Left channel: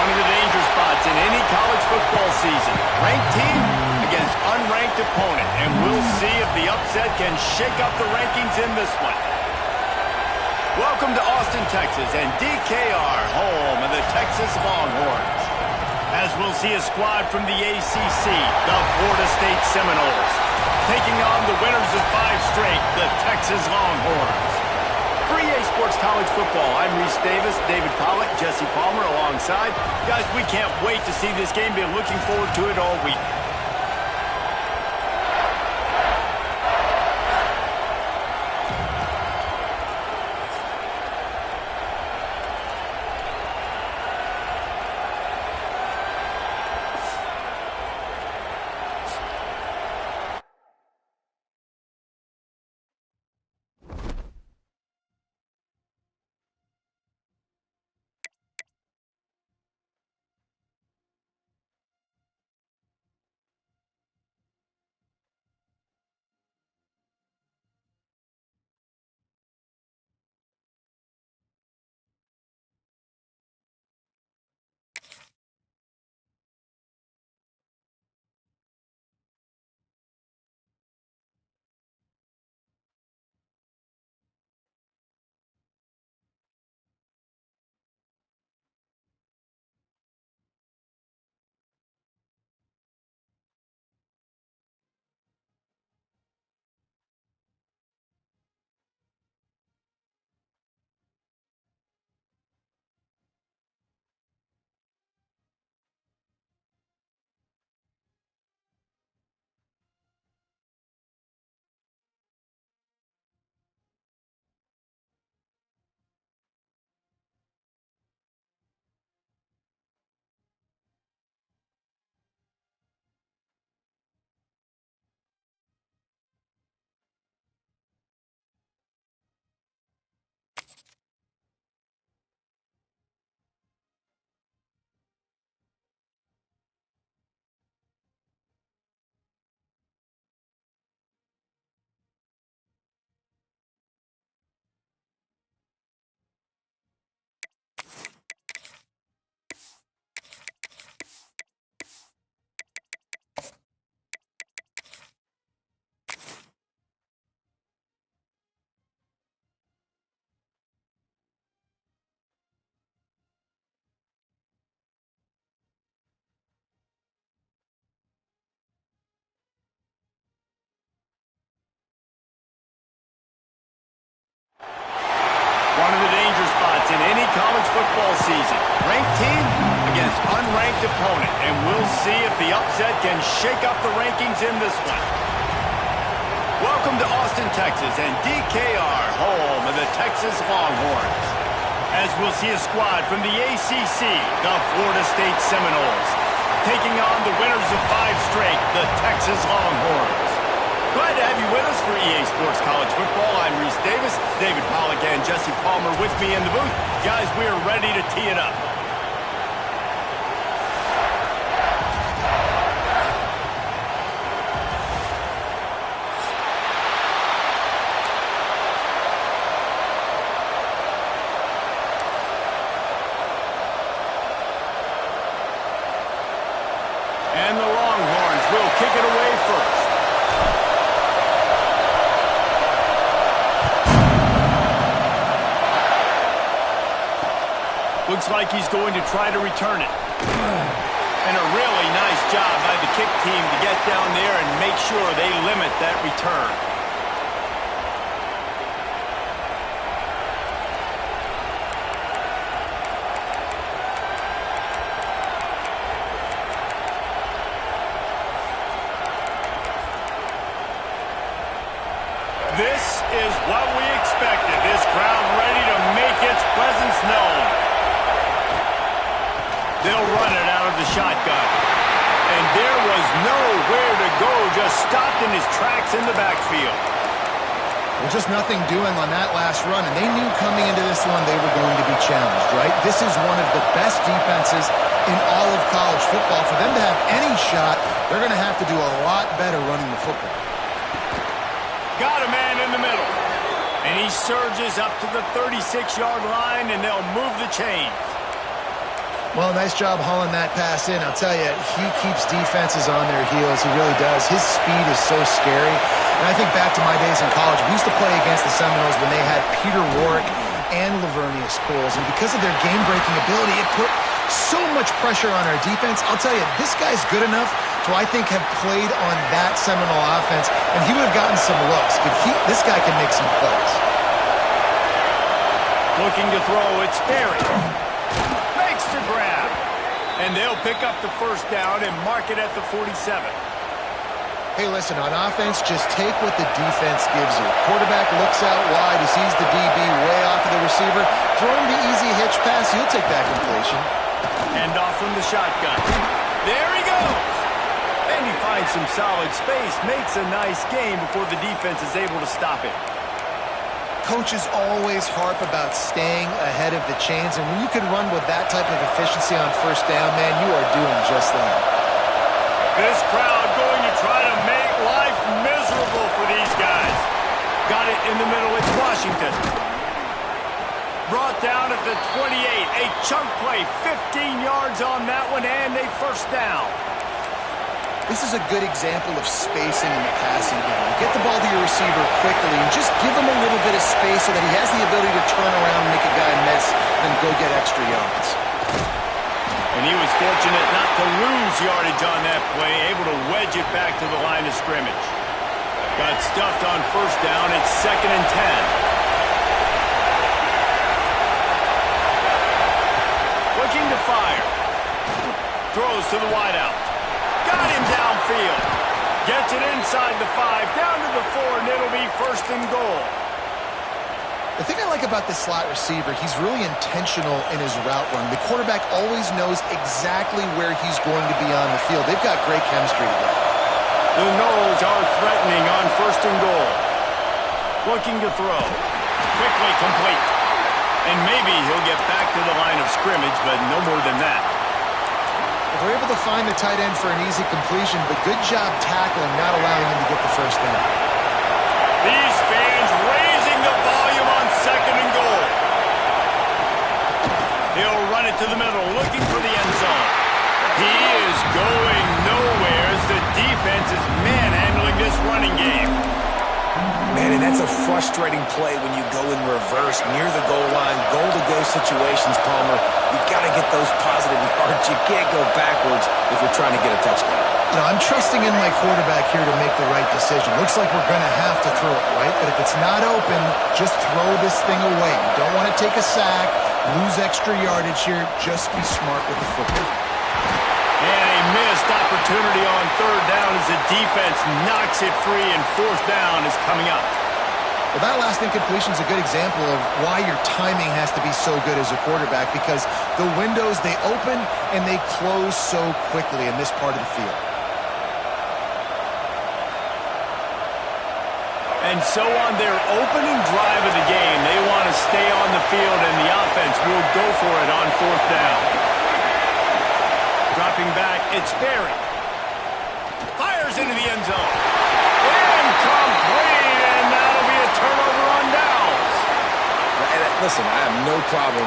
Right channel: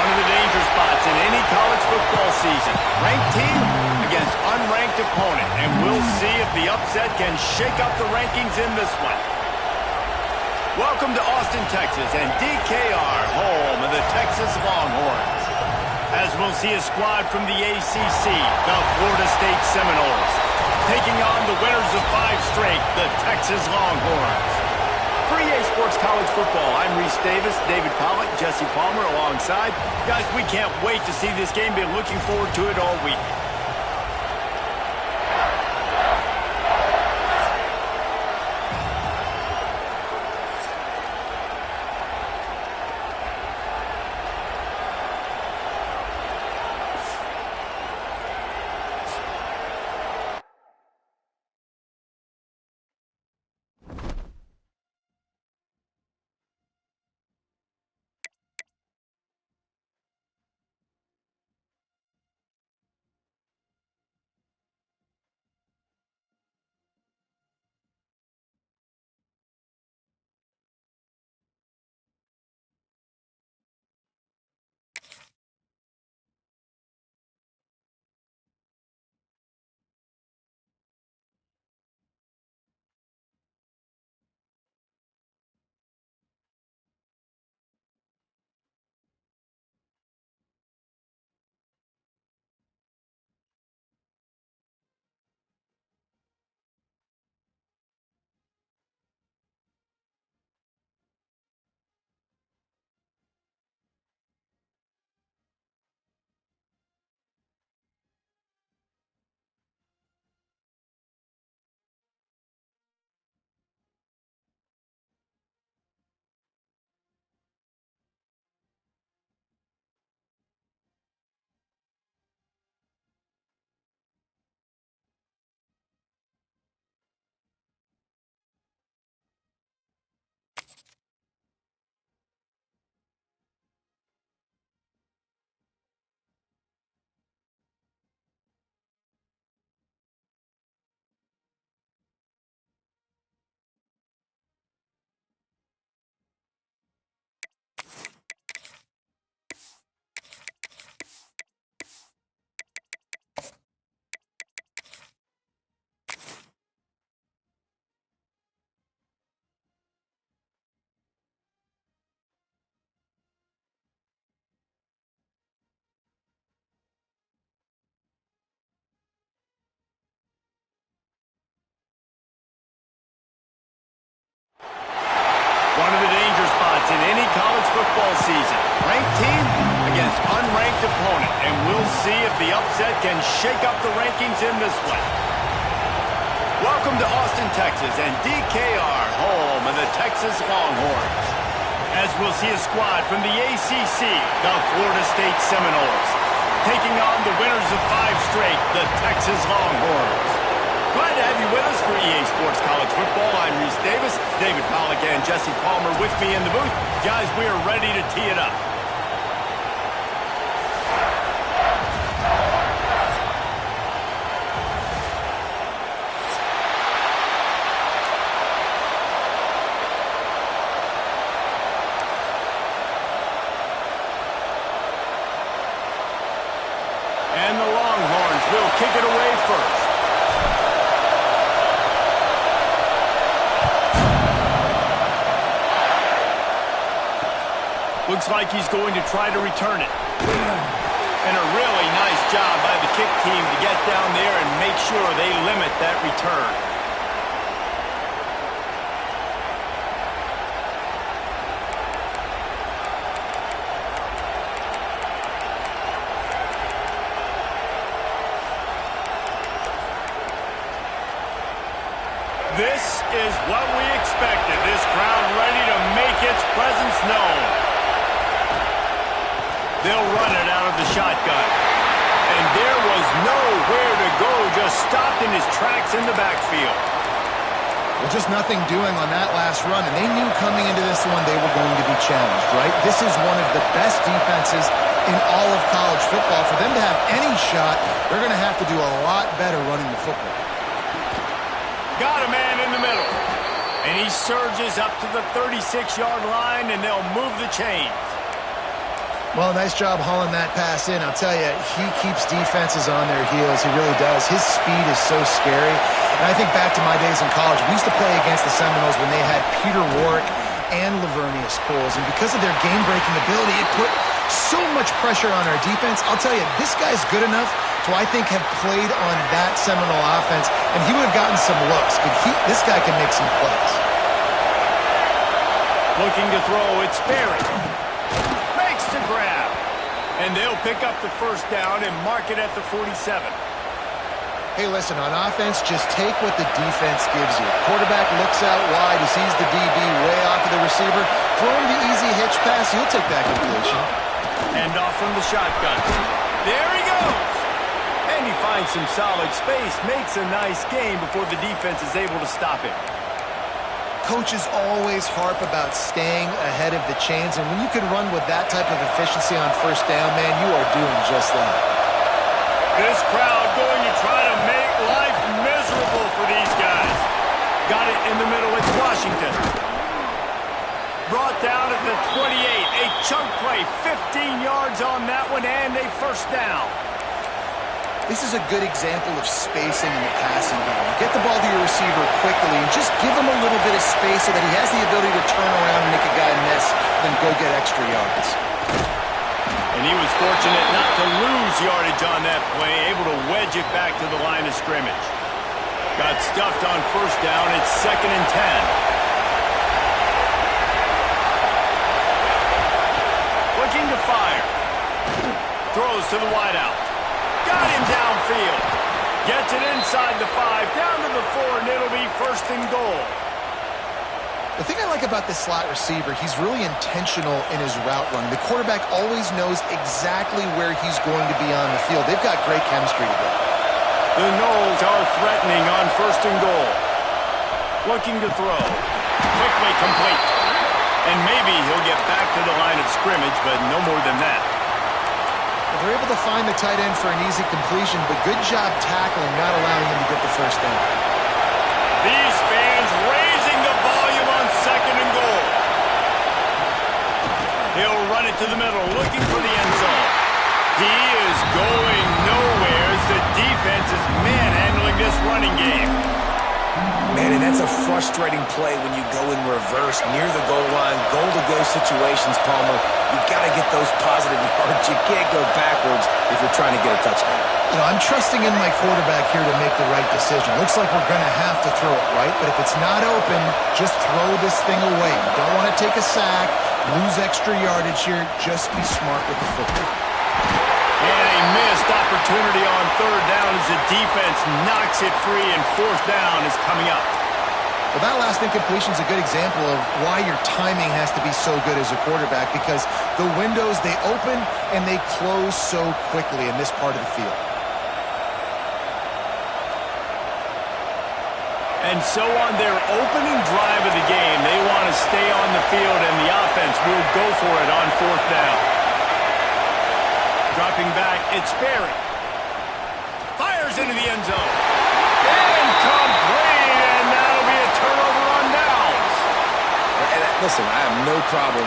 One of the danger spots in any college football season. Ranked team against unranked opponent. And we'll see if the upset can shake up the rankings in this one. Welcome to Austin, Texas, and DKR, home of the Texas Longhorns. As we'll see a squad from the ACC, the Florida State Seminoles, taking on the winners of 5 straight, the Texas Longhorns. For EA Sports College Football, I'm Reese Davis, David Pollack, Jesse Palmer alongside. Guys, we can't wait to see this game. Been looking forward to it all week. One of the danger spots in any college football season. Ranked team against unranked opponent. And we'll see if the upset can shake up the rankings in this one. Welcome to Austin, Texas, and DKR, home of the Texas Longhorns. As we'll see a squad from the ACC, the Florida State Seminoles, taking on the winners of 5 straight, the Texas Longhorns. Glad to have you with us for EA Sports College Football. I'm Reese Davis, David Pollack, and Jesse Palmer with me in the booth. Guys, we are ready to tee it up. And the Longhorns will kick it away first. Looks like he's going to try to return it. And a really nice job by the kick team to get down there and make sure they limit that return. This is what we expected. This crowd ready to make its presence known. They'll run it out of the shotgun. And there was nowhere to go, just stopped in his tracks in the backfield. Well, just nothing doing on that last run, and they knew coming into this one they were going to be challenged, right? This is one of the best defenses in all of college football. For them to have any shot, they're going to have to do a lot better running the football. Got a man in the middle. And he surges up to the 36-yard line, and they'll move the chains. Well, nice job hauling that pass in. I'll tell you, he keeps defenses on their heels. He really does. His speed is so scary. And I think back to my days in college. We used to play against the Seminoles when they had Peter Warrick and Lavernius Coles. And because of their game-breaking ability, it put so much pressure on our defense. I'll tell you, this guy's good enough to, I think, have played on that Seminole offense, and he would have gotten some looks. This guy can make some plays. Looking to throw, it's Sperry. Makes the grab. And they'll pick up the first down and mark it at the 47. Hey, listen, on offense, just take what the defense gives you. Quarterback looks out wide. He sees the DB way off of the receiver. Throw him the easy hitch pass. He'll take that completion. And off from the shotgun. There he goes. And he finds some solid space. Makes a nice gain before the defense is able to stop him. Coaches always harp about staying ahead of the chains, and when you can run with that type of efficiency on first down, man, you are doing just that. This crowd going to try to make life miserable for these guys. Got it in the middle. It's Washington. Brought down at the 28. A chunk play, 15 yards on that one, and a first down. This is a good example of spacing in the passing game. You get the ball to your receiver quickly and just give him a little bit of space so that he has the ability to turn around and make a guy miss, then go get extra yards. And he was fortunate not to lose yardage on that play, able to wedge it back to the line of scrimmage. Got stuffed on first down. It's 2nd and 10. Looking to fire. Throws to the wideout. Got him downfield. Gets it inside the 5, down to the 4, and it'll be 1st and goal. The thing I like about this slot receiver, he's really intentional in his route run. The quarterback always knows exactly where he's going to be on the field. They've got great chemistry together. The Noles are threatening on 1st and goal. Looking to throw. Quickly complete. And maybe he'll get back to the line of scrimmage, but no more than that. Well, they're able to find the tight end for an easy completion, but good job tackling, not allowing him to get the first down. These fans raising the volume on 2nd and goal. He'll run it to the middle, looking for the end zone. He is going nowhere as the defense is manhandling this running game. Man, and that's a frustrating play when you go in reverse near the goal line, goal-to-go situations, Palmer. You've got to get those positive yards. You can't go backwards if you're trying to get a touchdown. You know, I'm trusting in my quarterback here to make the right decision. Looks like we're going to have to throw it, right? But if it's not open, just throw this thing away. You don't want to take a sack, lose extra yardage here. Just be smart with the football. And a missed opportunity on 3rd down as the defense knocks it free, and 4th down is coming up. Well, that last incompletion is a good example of why your timing has to be so good as a quarterback, because the windows, they open and they close so quickly in this part of the field. And so on their opening drive of the game, they want to stay on the field, and the offense will go for it on 4th down. Dropping back, it's Sperry. Fires into the end zone. Incomplete, and that'll be a turnover on downs. And listen, I have no problem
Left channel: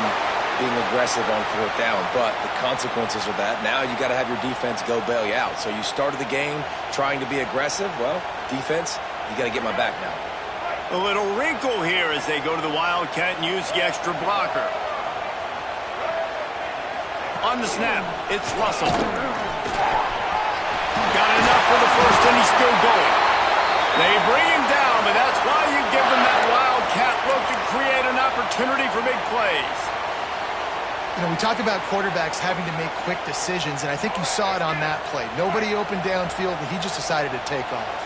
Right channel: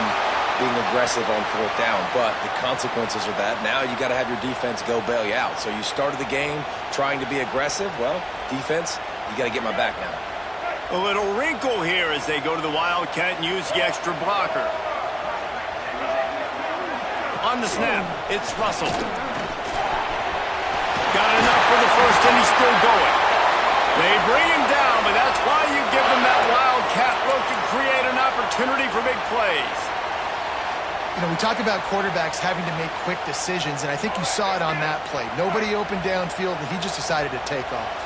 being aggressive on 4th down, but the consequences of that, now you got to have your defense go bail you out. So you started the game trying to be aggressive. Well, defense, you got to get my back now. A little wrinkle here as they go to the Wildcat and use the extra blocker. On the snap, it's Russell. Got enough for the first, and he's still going. They bring him down, but that's why you give them that Wildcat look to create an opportunity for big plays. You know, we talk about quarterbacks having to make quick decisions, and I think you saw it on that play. Nobody opened downfield, and he just decided to take off.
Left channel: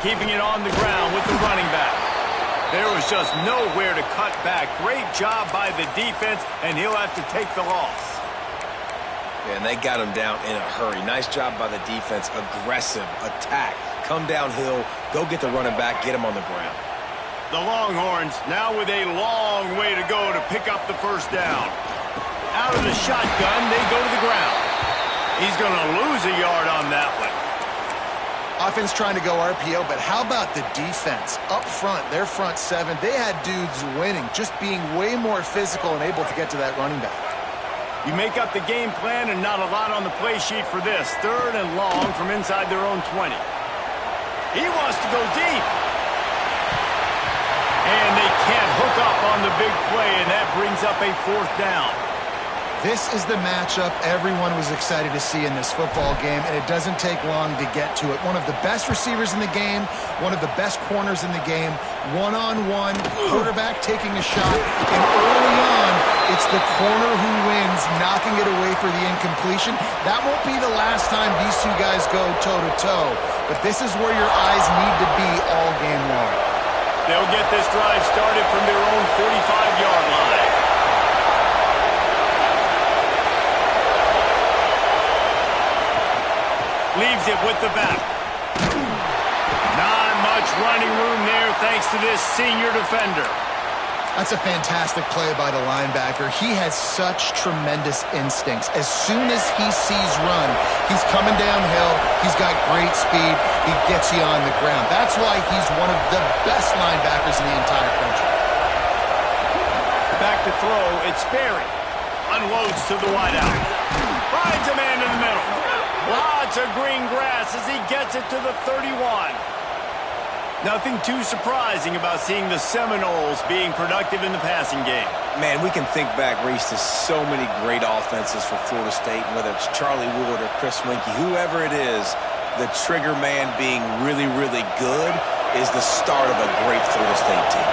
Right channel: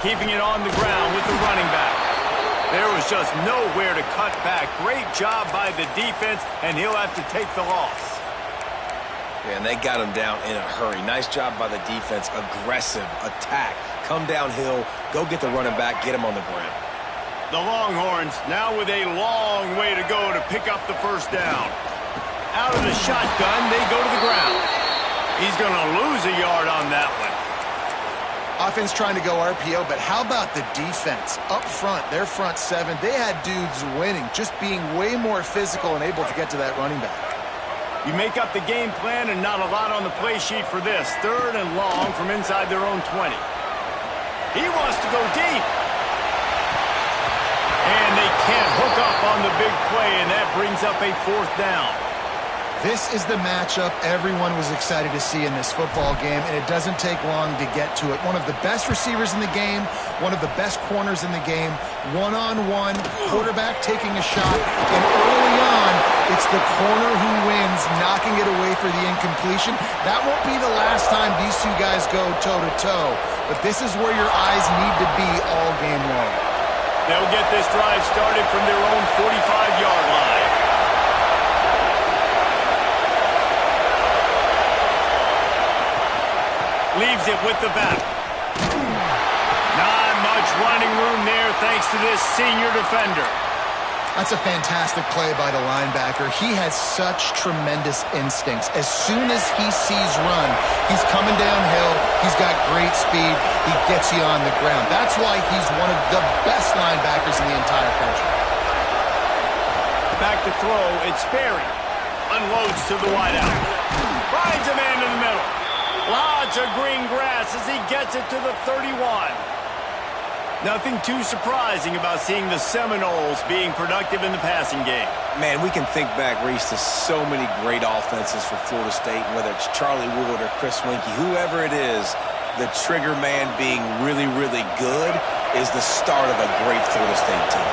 Keeping it on the ground with the running back. There was just nowhere to cut back. Great job by the defense, and he'll have to take the loss. Yeah, and they got him down in a hurry. Nice job by the defense. Aggressive attack. Come downhill, go get the running back, get him on the ground. The Longhorns now with a long way to go to pick up the first down. Out of the shotgun, they go to the ground. He's going to lose a yard on that one. Offense trying to go RPO, but how about the defense? Up front, their front seven, they had dudes winning, just being way more physical and able to get to that running back. You make up the game plan and not a lot on the play sheet for this. 3rd and long from inside their own 20. He wants to go deep. And they can't hook up on the big play, and that brings up a 4th down. This is the matchup everyone was excited to see in this football game, and it doesn't take long to get to it. One of the best receivers in the game, one of the best corners in the game, one-on-one, quarterback taking a shot, and early on, it's the corner who wins, knocking it away for the incompletion. That won't be the last time these two guys go toe-to-toe, but this is where your eyes need to be all game long. They'll get this drive started from their own 45-yard line. Leaves it with the back. Not much running room there thanks to this senior defender. That's a fantastic play by the linebacker. He has such tremendous instincts. As soon as he sees run, he's coming downhill. He's got great speed. He gets you on the ground. That's why he's one of the best linebackers in the entire country. Back to throw. It's Sperry. Unloads to the wideout. Finds a man in the middle. Lots of green grass as he gets it to the 31. Nothing too surprising about seeing the Seminoles being productive in the passing game. Man, we can think back, Reese, to so many great offenses for Florida State, whether it's Charlie Wood or Chris Weinke, whoever it is, the trigger man being really, really good is the start of a great Florida State team.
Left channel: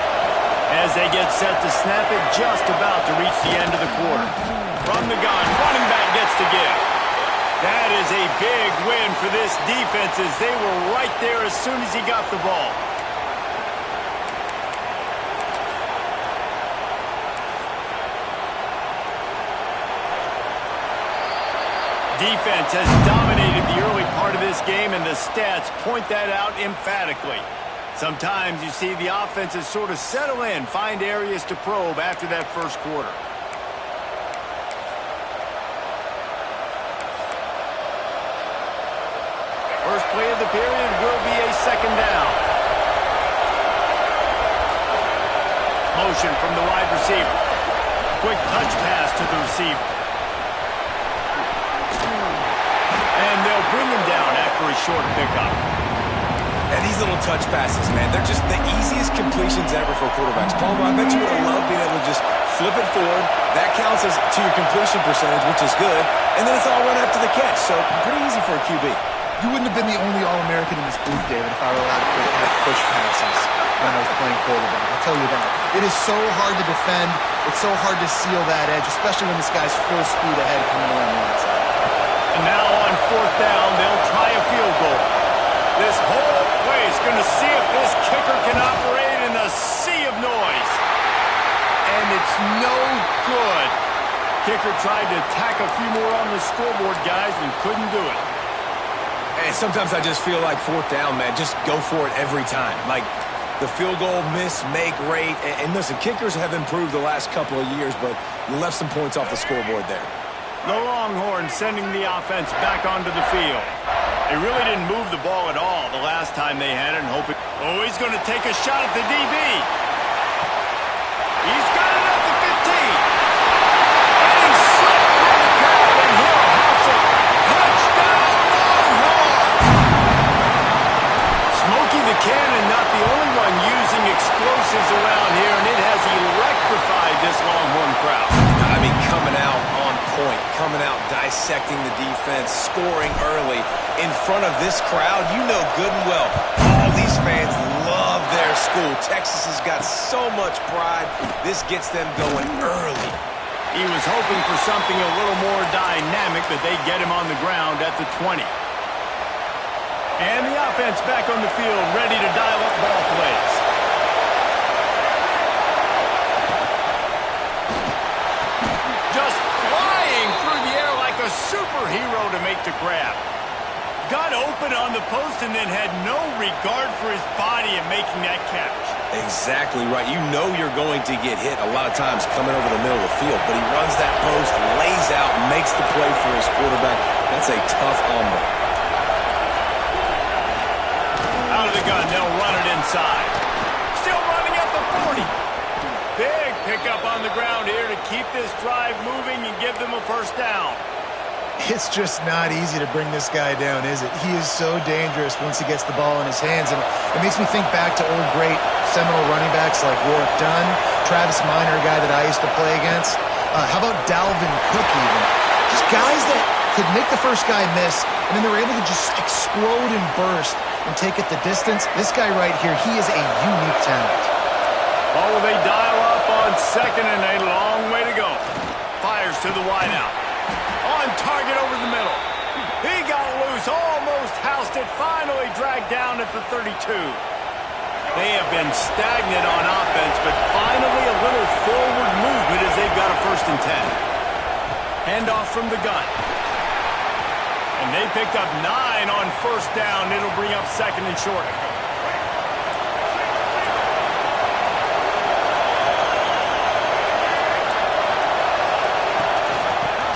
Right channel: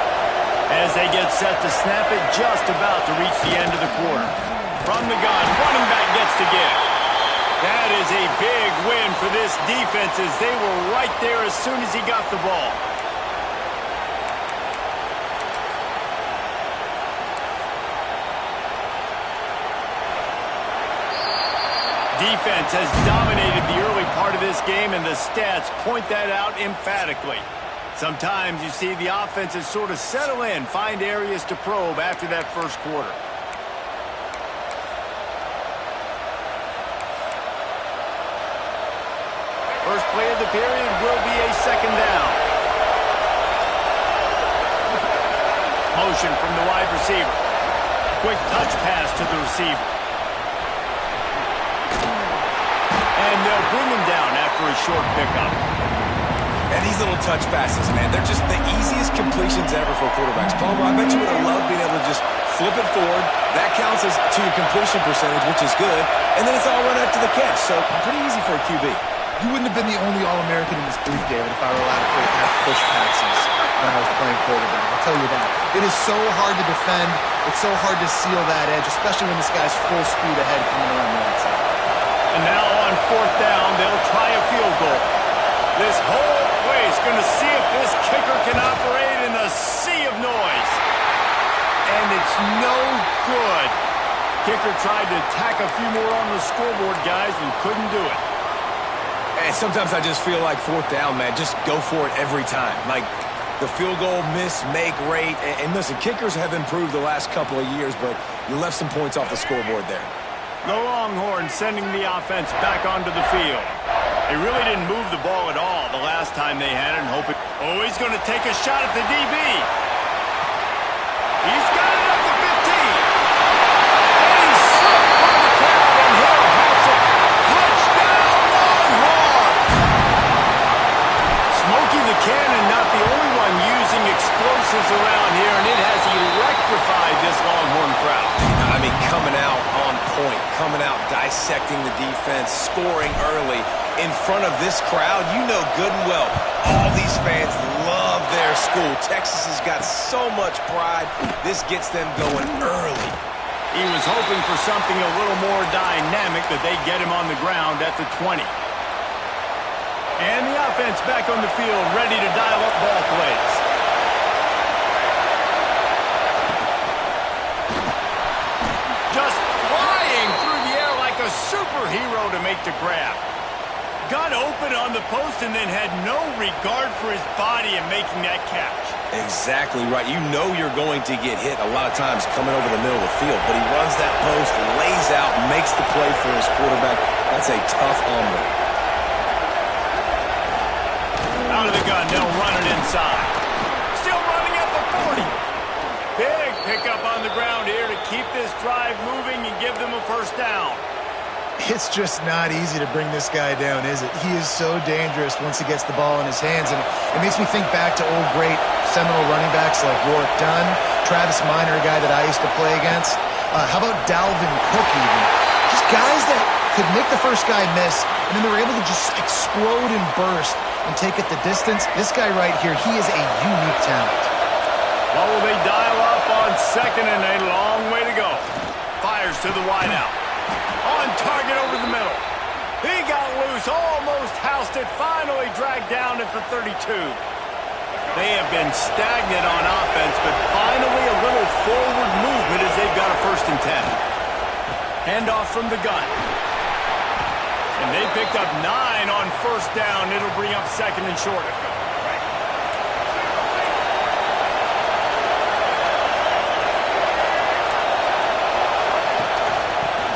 As they get set to snap it, just about to reach the end of the quarter. From the gun, running back gets to give. That is a big win for this defense as they were right there as soon as he got the ball. Defense has dominated the early part of this game, and the stats point that out emphatically. Sometimes you see the offenses sort of settle in, find areas to probe after that first quarter. First play of the period will be a 2nd down. Motion from the wide receiver. Quick touch pass to the receiver. And they'll bring him down after a short pickup. And these little touch passes, man, they're just the easiest completions ever for quarterbacks. Palmer, I bet you would have loved being able to just flip it forward. That counts as to your completion percentage, which is good. And then it's all run after the catch, so pretty easy for a QB. You wouldn't have been the only All-American in this booth, David, if I were allowed to have push passes when I was playing quarterback. I'll tell you that. It is so hard to defend. It's so hard to seal that edge, especially when this guy's full speed ahead coming around the outside. And now on 4th down, they'll try a field goal. This whole place going to see if this kicker can operate in the sea of noise. And it's no good. Kicker tried to tack a few more on the scoreboard, guys, and couldn't do it. And sometimes I just feel like 4th down, man, just go for it every time. Like the field goal miss-make rate. And listen, kickers have improved the last couple of years, but you left some points off the scoreboard there. The Longhorns sending the offense back onto the field. They really didn't move the ball at all the last time they had it, and hoping. Oh, he's going to take a shot at the DB. He's got it at the 15. And he's slipped by the crowd, and Hill hops it. Touchdown, Longhorns! Smokey the Cannon, not the only one using explosives around here, and it has electrified this Longhorn crowd. I mean, coming out on point, coming out dissecting the defense, scoring early in front of this crowd. You know good and well, all these fans love their school. Texas has got so much pride. This gets them going early. He was hoping for something a little more dynamic, that they get him on the ground at the 20. And the offense back on the field, ready to dial up ball plays. Just flying through the air like a superhero to make the grab. Got open on the post and then had no regard for his body in making that catch. Exactly right. You know you're going to get hit a lot of times coming over the middle of the field, but he runs that post, lays out, makes the play for his quarterback. That's a tough hombre. Out of the gun, they'll run it inside. Still running at the 40. Big pickup on the ground here to keep this drive moving and give them a first down. It's just not easy to bring this guy down, is it? He is so dangerous once he gets the ball in his hands, and it makes me think back to old great Seminole running backs like Warwick Dunn, Travis Minor, a guy that I used to play against. How about Dalvin Cook even? Just guys that could make the first guy miss, and then they were able to just explode and burst and take it the distance. This guy right here, he is a unique talent. Well, will they dial up on second and a long way to go? Fires to the wideout. On target over the middle. He got loose, almost housed it, finally dragged down at the 32. They have been stagnant on offense, but finally a little forward movement as they've got a 1st and 10. Handoff from the gun. And they picked up 9 on 1st down. It'll bring up 2nd and short.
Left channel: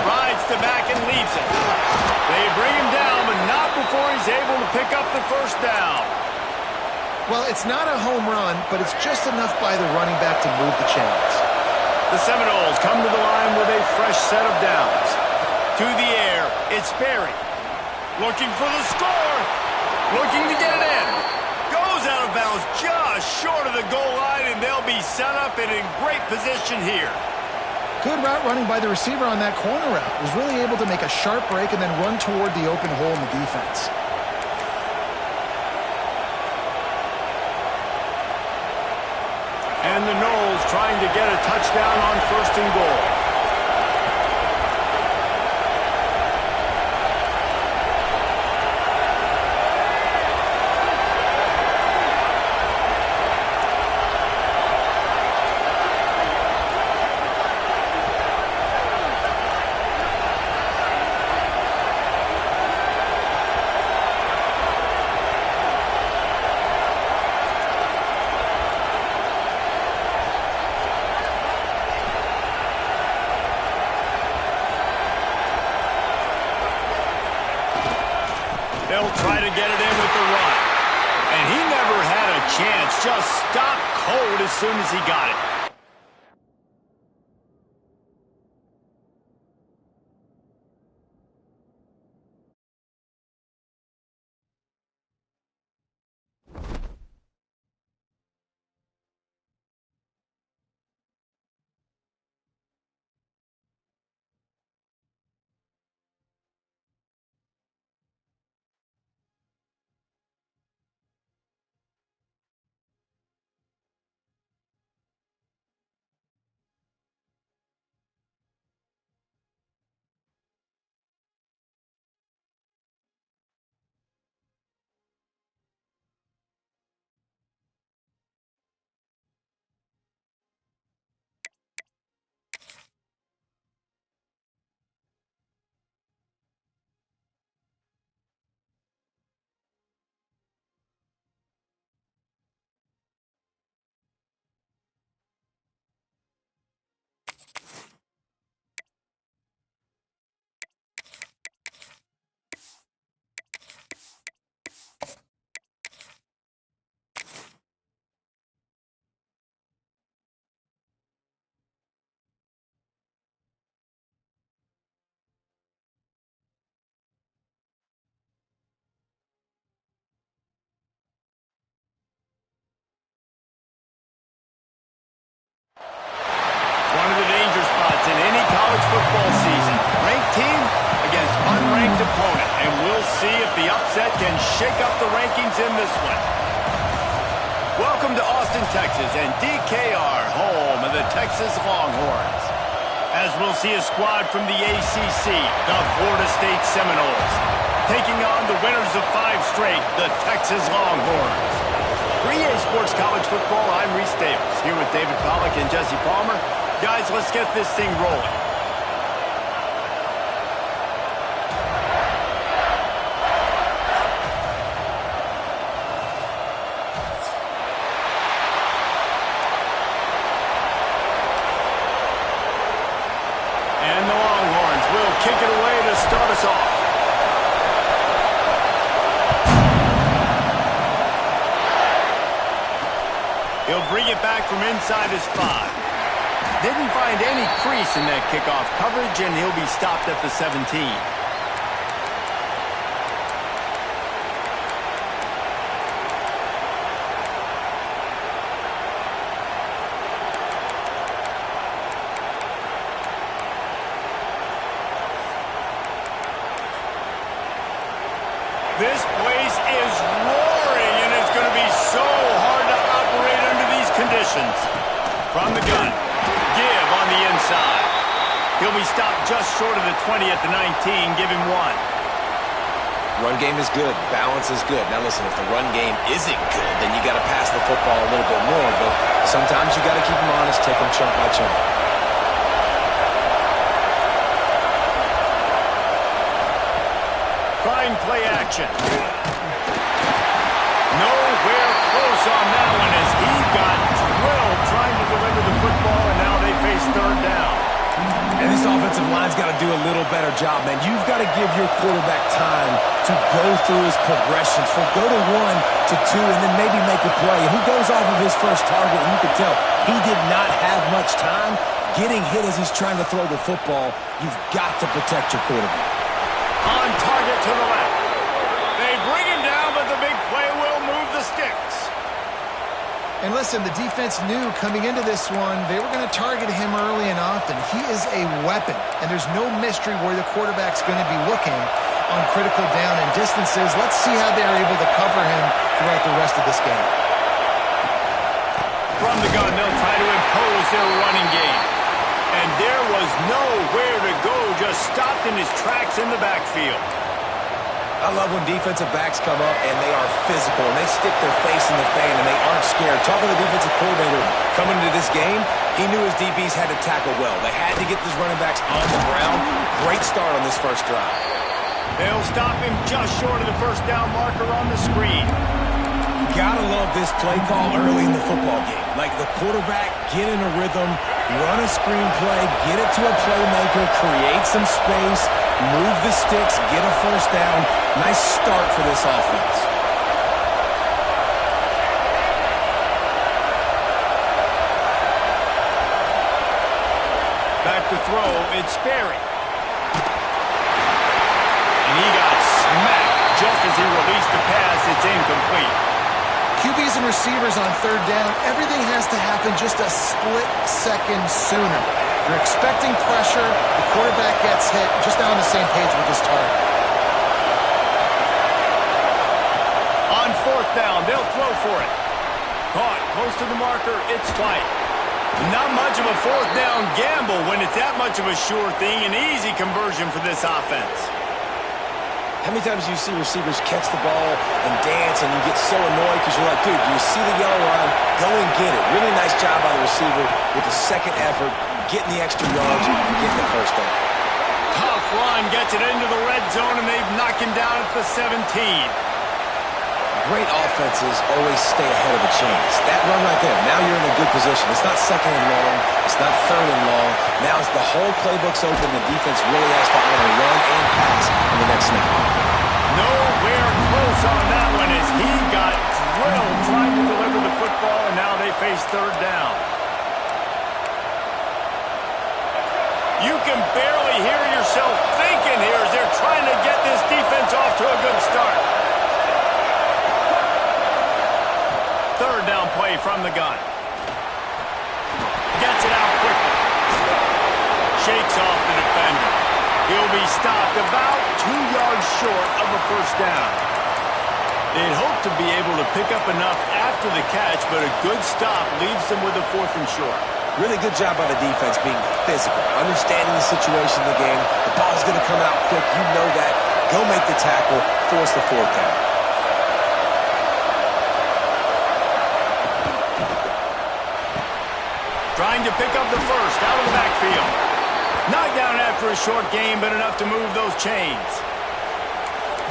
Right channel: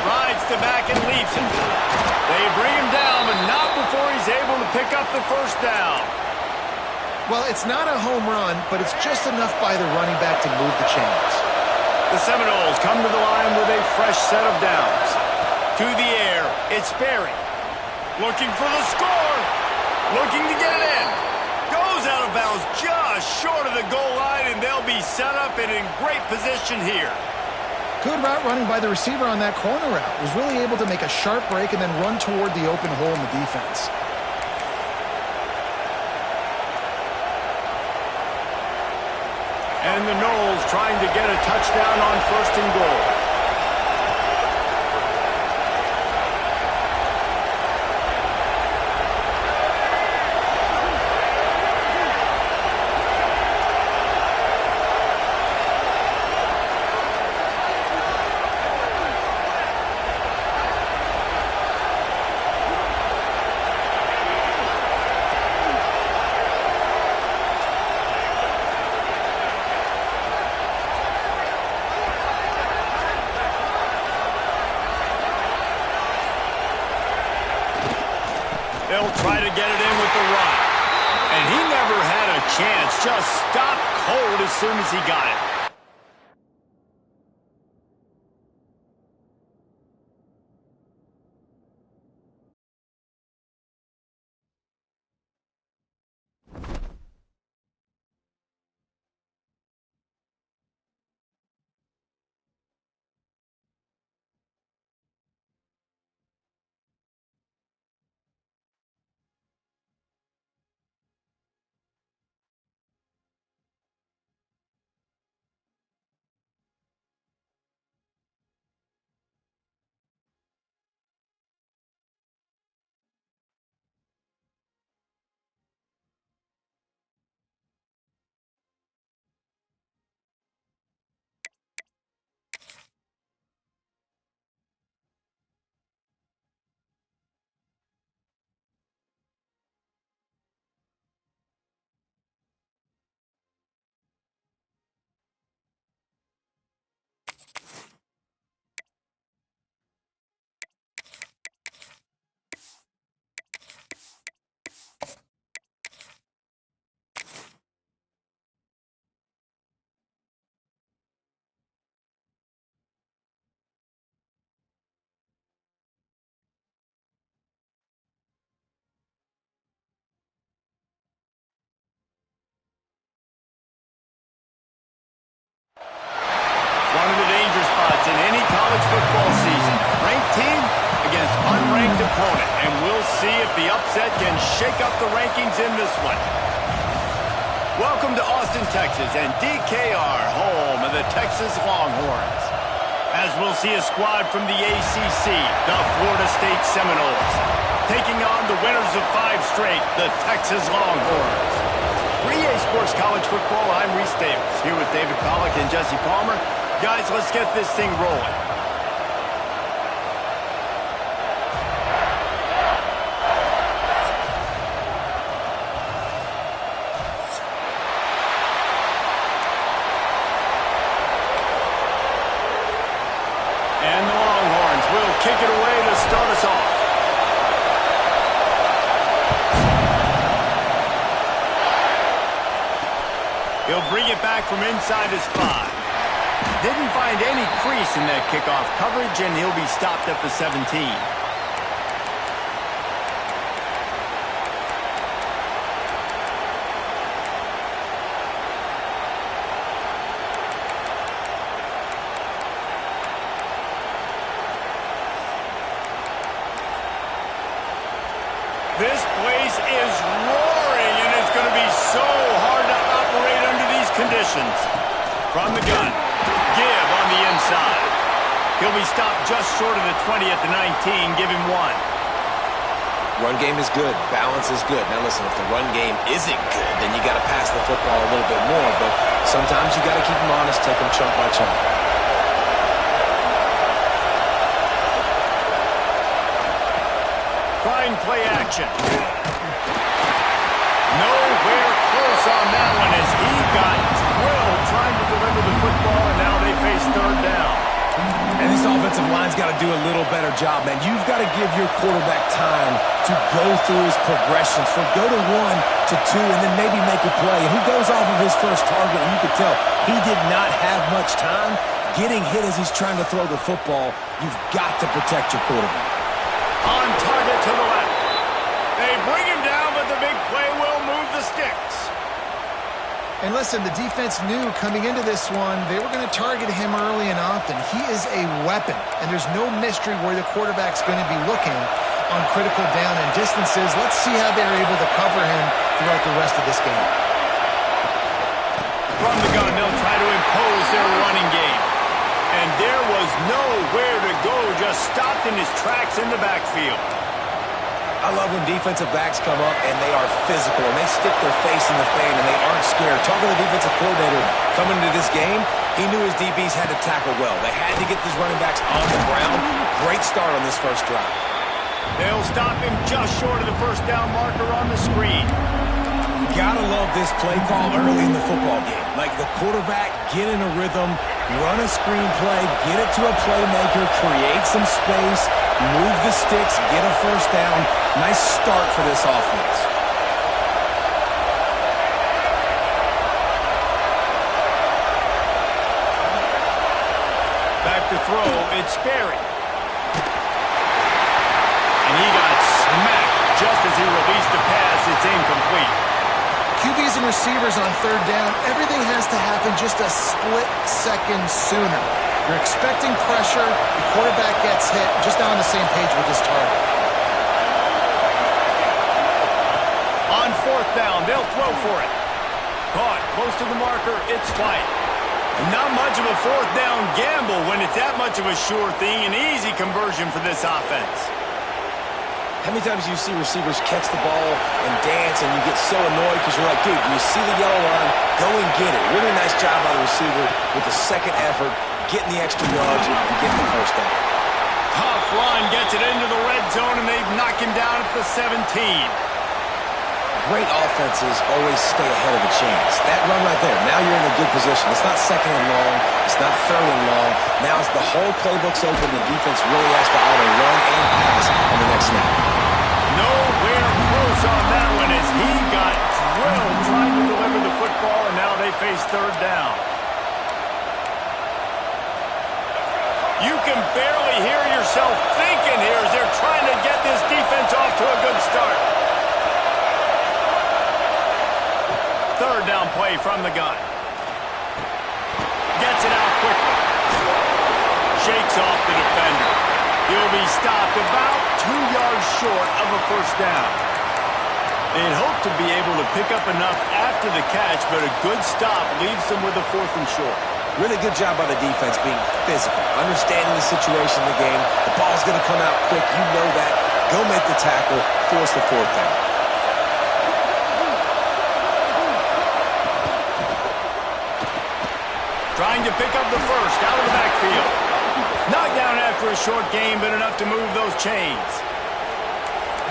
Rides to back and leaves him. They bring him down, but not before he's able to pick up the 1st down. Well, it's not a home run, but it's just enough by the running back to move the chains. The Seminoles come to the line with a fresh set of downs. To the air, it's Berry. Looking for the score. Looking to get it in. Goes out of bounds just short of the goal line, and they'll be set up and in great position here. Good route running by the receiver on that corner route. Was really able to make a sharp break and then run toward the open hole in the defense. And the Noles trying to get a touchdown on 1st and goal. They'll try to get it in with the run. And he never had a chance. Just stopped cold as soon as he got it. One of the danger spots in any college football season. Ranked team against unranked opponent. And we'll see if the upset can shake up the rankings in this one. Welcome to Austin, Texas, and DKR, home of the Texas Longhorns. As we'll see a squad from the ACC, the Florida State Seminoles, taking on the winners of 5 straight, the Texas Longhorns. For EA Sports College Football, I'm Reese Davis, here with David Pollack and Jesse Palmer. Guys, let's get this thing rolling. And the Longhorns will kick it away to start us off. He'll bring it back from inside his 5. Didn't find any crease in that kickoff coverage, and he'll be stopped at the 17. This place is roaring, and it's going to be so hard to operate under these conditions. From the gun, give on the inside. He'll be stopped just short of the 20 at the 19. Give him 1. Run game is good. Balance is good. Now listen, if the run game isn't good, then you got to pass the football a little bit more. But sometimes you got to keep them honest, take them chunk by chunk. Trying play action. Nowhere close on that one as he got drilled trying to deliver the football, and now they face 3rd down. And this offensive line's got to do a little better job, man. You've got to give your quarterback time to go through his progressions, from go to 1 to 2, and then maybe make a play. And he goes off of his first target, and you can tell he did not have much time getting hit as he's trying to throw the football. You've got to protect your quarterback. On target to the left. They bring him down, but the big play will move the sticks. And listen, the defense knew coming into this one, they were going to target him early and often. He is a weapon, and there's no mystery where the quarterback's going to be looking on critical down and distances. Let's see how they're able to cover him throughout the rest of this game. From the gun, they'll try to impose their running game. And there was nowhere to go, just stopped in his tracks in the backfield. I love when defensive backs come up and they are physical and they stick their face in the fan and they aren't scared. Talking to the defensive coordinator coming into this game, he knew his DBs had to tackle well. They had to get these running backs on the ground. Great start on this first drive. They'll stop him just short of the 1st down marker on the screen. Gotta love this play call early in the football game. Like the quarterback, get in a rhythm, run a screen play, get it to a playmaker, create some space, move the sticks, get a 1st down. Nice start for this offense. Back to throw, it's Sperry. And he got smacked just as he released the pass. It's incomplete. QBs and receivers on 3rd down, everything has to happen just a split second sooner. You're expecting pressure, the quarterback gets hit, just not on the same page with his target. On 4th down, they'll throw for it. Caught close to the marker, it's White. Not much of a 4th down gamble when it's that much of a sure thing, an easy conversion for this offense. How many times do you see receivers catch the ball and dance and you get so annoyed because you're like, dude, you see the yellow line, go and get it. Really nice job by the receiver with the second effort, getting the extra yards and getting the 1st down. Tough run, gets it into the red zone, and they've knocked him down at the 17. Great offenses always stay ahead of the chains. That run right there, now you're in a good position. It's not 2nd and long. It's not 3rd and long. Now it's the whole playbook's open. The defense really has to honor run and pass on the next snap. Nowhere close on that one as he got drilled trying to deliver the football, and now they face 3rd down. You can barely hear yourself thinking here as they're trying to get this defense off to a good start. 3rd down play from the gun. Gets it out quickly. Shakes off the defender. He'll be stopped about 2 yards short of a 1st down. They'd hoped to be able to pick up enough after the catch, but a good stop leaves them with a 4th and short. Really good job by the defense being physical, understanding the situation in the game. The ball's going to come out quick. You know that. Go make the tackle, force the 4th down. Trying to pick up the 1st out of the backfield. Knocked down after a short game, but enough to move those chains.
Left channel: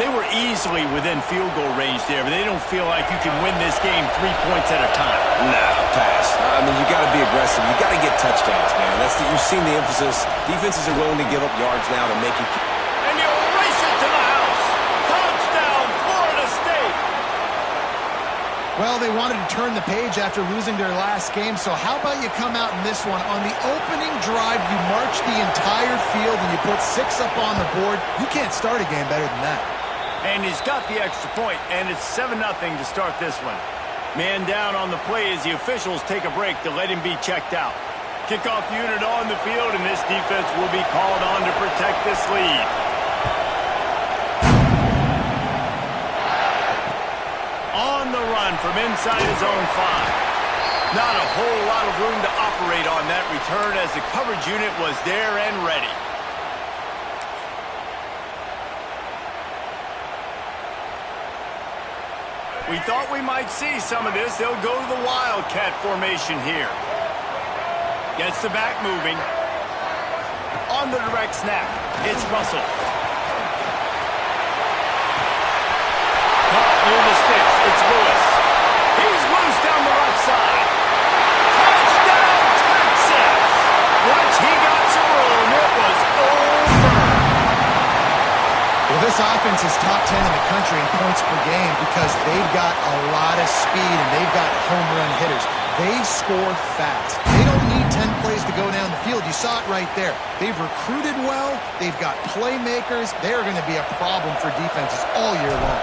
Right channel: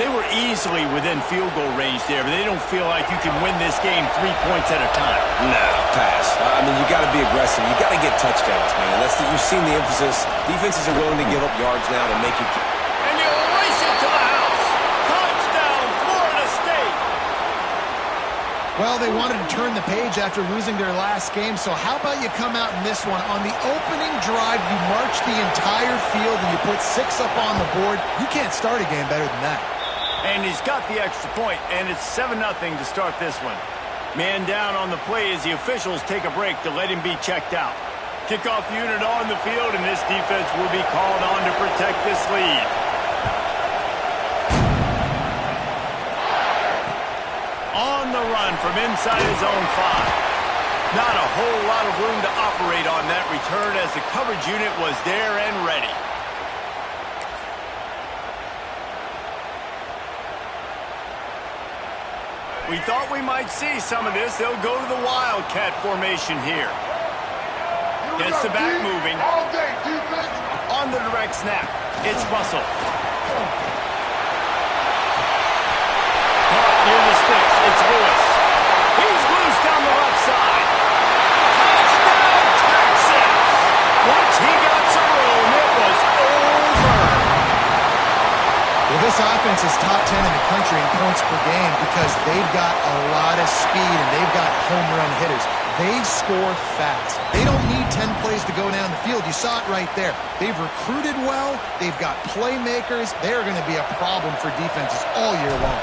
They were easily within field goal range there, but they don't feel like you can win this game 3 points at a time. No, pass. I mean, you got to be aggressive. You got to get touchdowns, man. You've seen the emphasis. Defenses are willing to give up yards now to make you. And he'll race it to the house. Touchdown, Florida State. Well, they wanted to turn the page after losing their last game, so how about you come out in this one? On the opening drive, you march the entire field and you put 6 up on the board. You can't start a game better than that. And he's got the extra point, and it's 7-0 to start this one. Man down on the play as the officials take a break to let him be checked out. Kickoff unit on the field, and this defense will be called on to protect this lead. On the run from inside his own 5. Not a whole lot of room to operate on that return as the coverage unit was there and ready. We thought we might see some of this. They'll go to the Wildcat formation here. Gets the back moving. On the direct snap, it's Russell. Caught near the sticks, it's Lewis. He's loose down the left side. Touchdown, Texas! Once he got some room, it was over. Well, this offense is top 10 in the country in points per game because they've got a lot of speed and they've got home run hitters. They score fast. They don't need 10 plays to go down the field. You saw it right there. They've recruited well. They've got playmakers. They're going to be a problem for defenses all year long.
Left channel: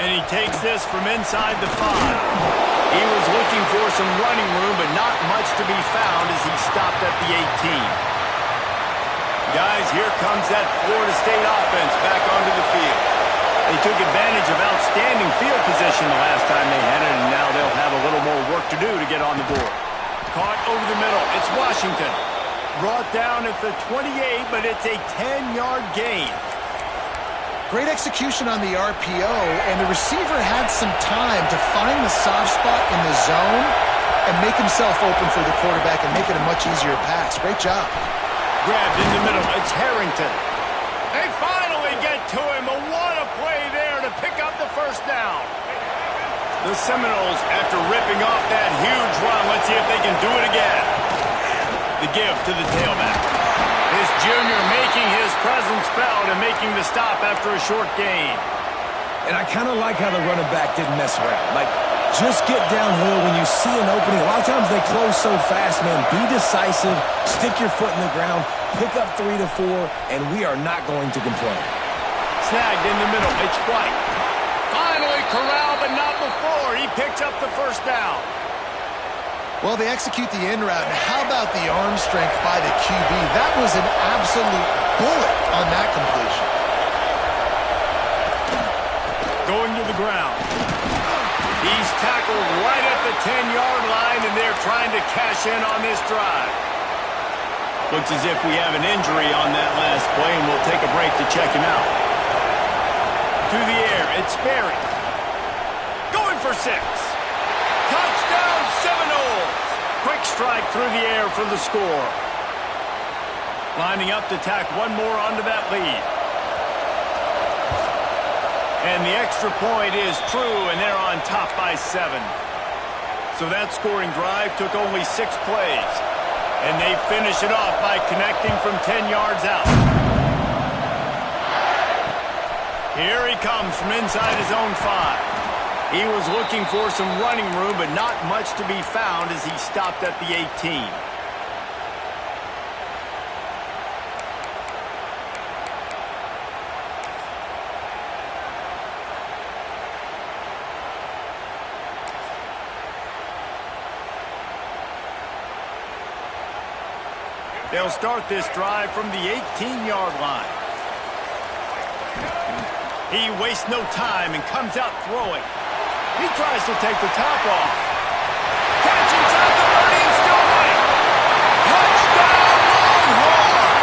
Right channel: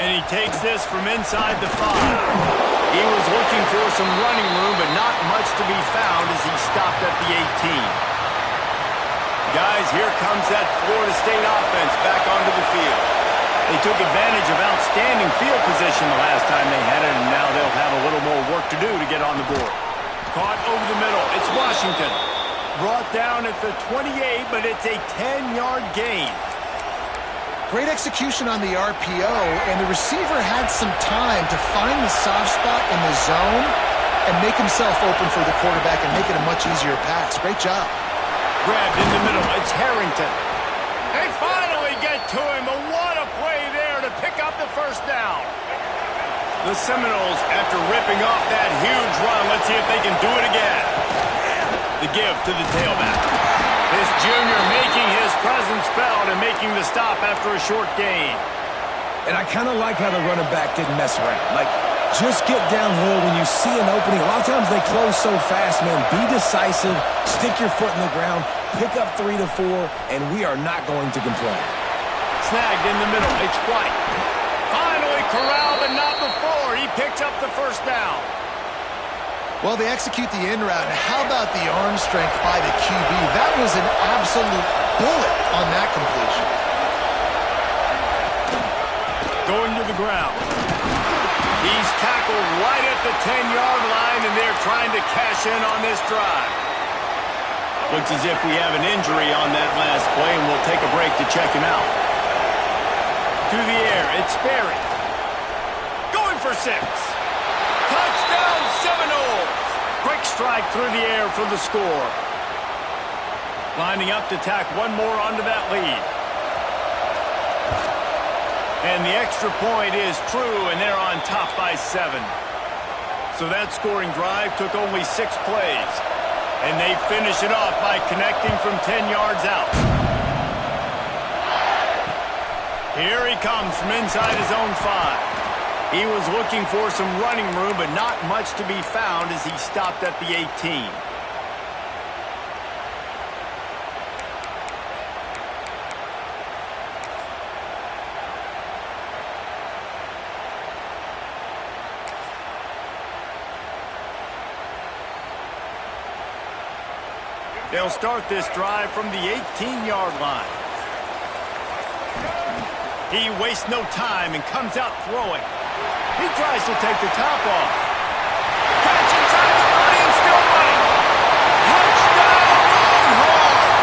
And he takes this from inside the 5. He was looking for some running room, but not much to be found as he stopped at the 18. Guys, here comes that Florida State offense back onto the field. They took advantage of outstanding field position the last time they had it, and now they'll have a little more work to do to get on the board. Caught over the middle. It's Washington. Brought down at the 28, but it's a 10-yard gain. Great execution on the RPO, and the receiver had some time to find the soft spot in the zone and make himself open for the quarterback and make it a much easier pass. Great job. Grabbed in the middle. It's Harrington. They finally get to him. But what a play there to pick up the first down. The Seminoles, after ripping off that huge run, let's see if they can do it again. The give to the tailback. This junior making his presence felt and making the stop after a short gain. And I kind of like how the running back didn't mess around. Like, just get downhill when you see an opening. A lot of times they close so fast, man. Be decisive, stick your foot in the ground, pick up 3 to 4, and we are not going to complain. Snagged in the middle. It's White. Finally corralled, but not before. He picks up the first down. Well, they execute the in route, and how about the arm strength by the QB? That was an absolute bullet on that completion. Going to the ground. He's tackled right at the 10-yard line, and they're trying to cash in on this drive. Looks as if we have an injury on that last play, and we'll take a break to check him out. To the air, it's Sperry. Going for 6. Touchdown, Seminoles! Quick strike through the air for the score. Lining up to tack one more onto that lead. And the extra point is true, and they're on top by 7. So that scoring drive took only 6 plays. And they finish it off by connecting from 10 yards out. Here he comes from inside his own 5. He was looking for some running room, but not much to be found as he stopped at the 18. They'll start this drive from the 18-yard line. He wastes no time and comes out throwing. He tries to take the top off. Catch inside the 30 and still running. Touchdown, Longhorns!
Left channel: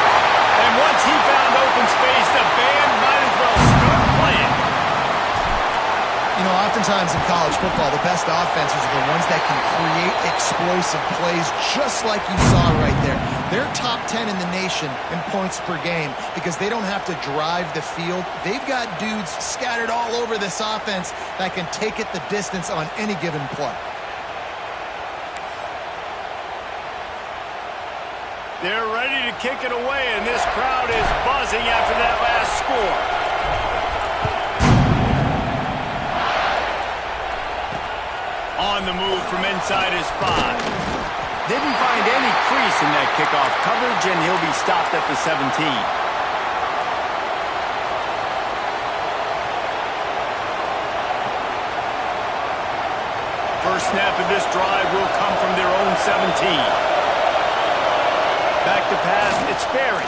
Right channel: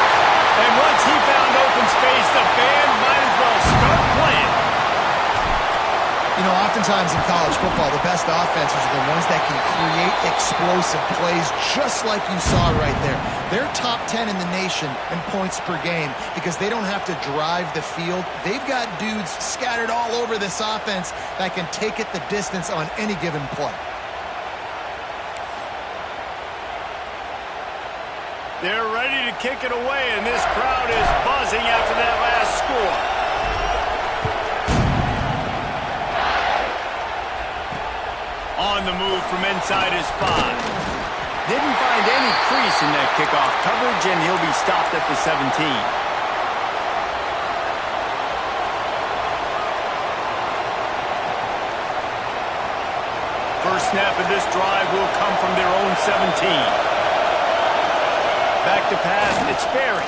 And once he found open space, the band might as well start playing. You know, oftentimes in college football, the best offenses are the ones that can create explosive plays just like you saw right there. They're top 10 in the nation in points per game because they don't have to drive the field. They've got dudes scattered all over this offense that can take it the distance on any given play. They're ready to kick it away, and this crowd is buzzing after that last score. On the move from inside his 5. Didn't find any crease in that kickoff coverage, and he'll be stopped at the 17. First snap of this drive will come from their own 17. Back to pass, it's Sperry.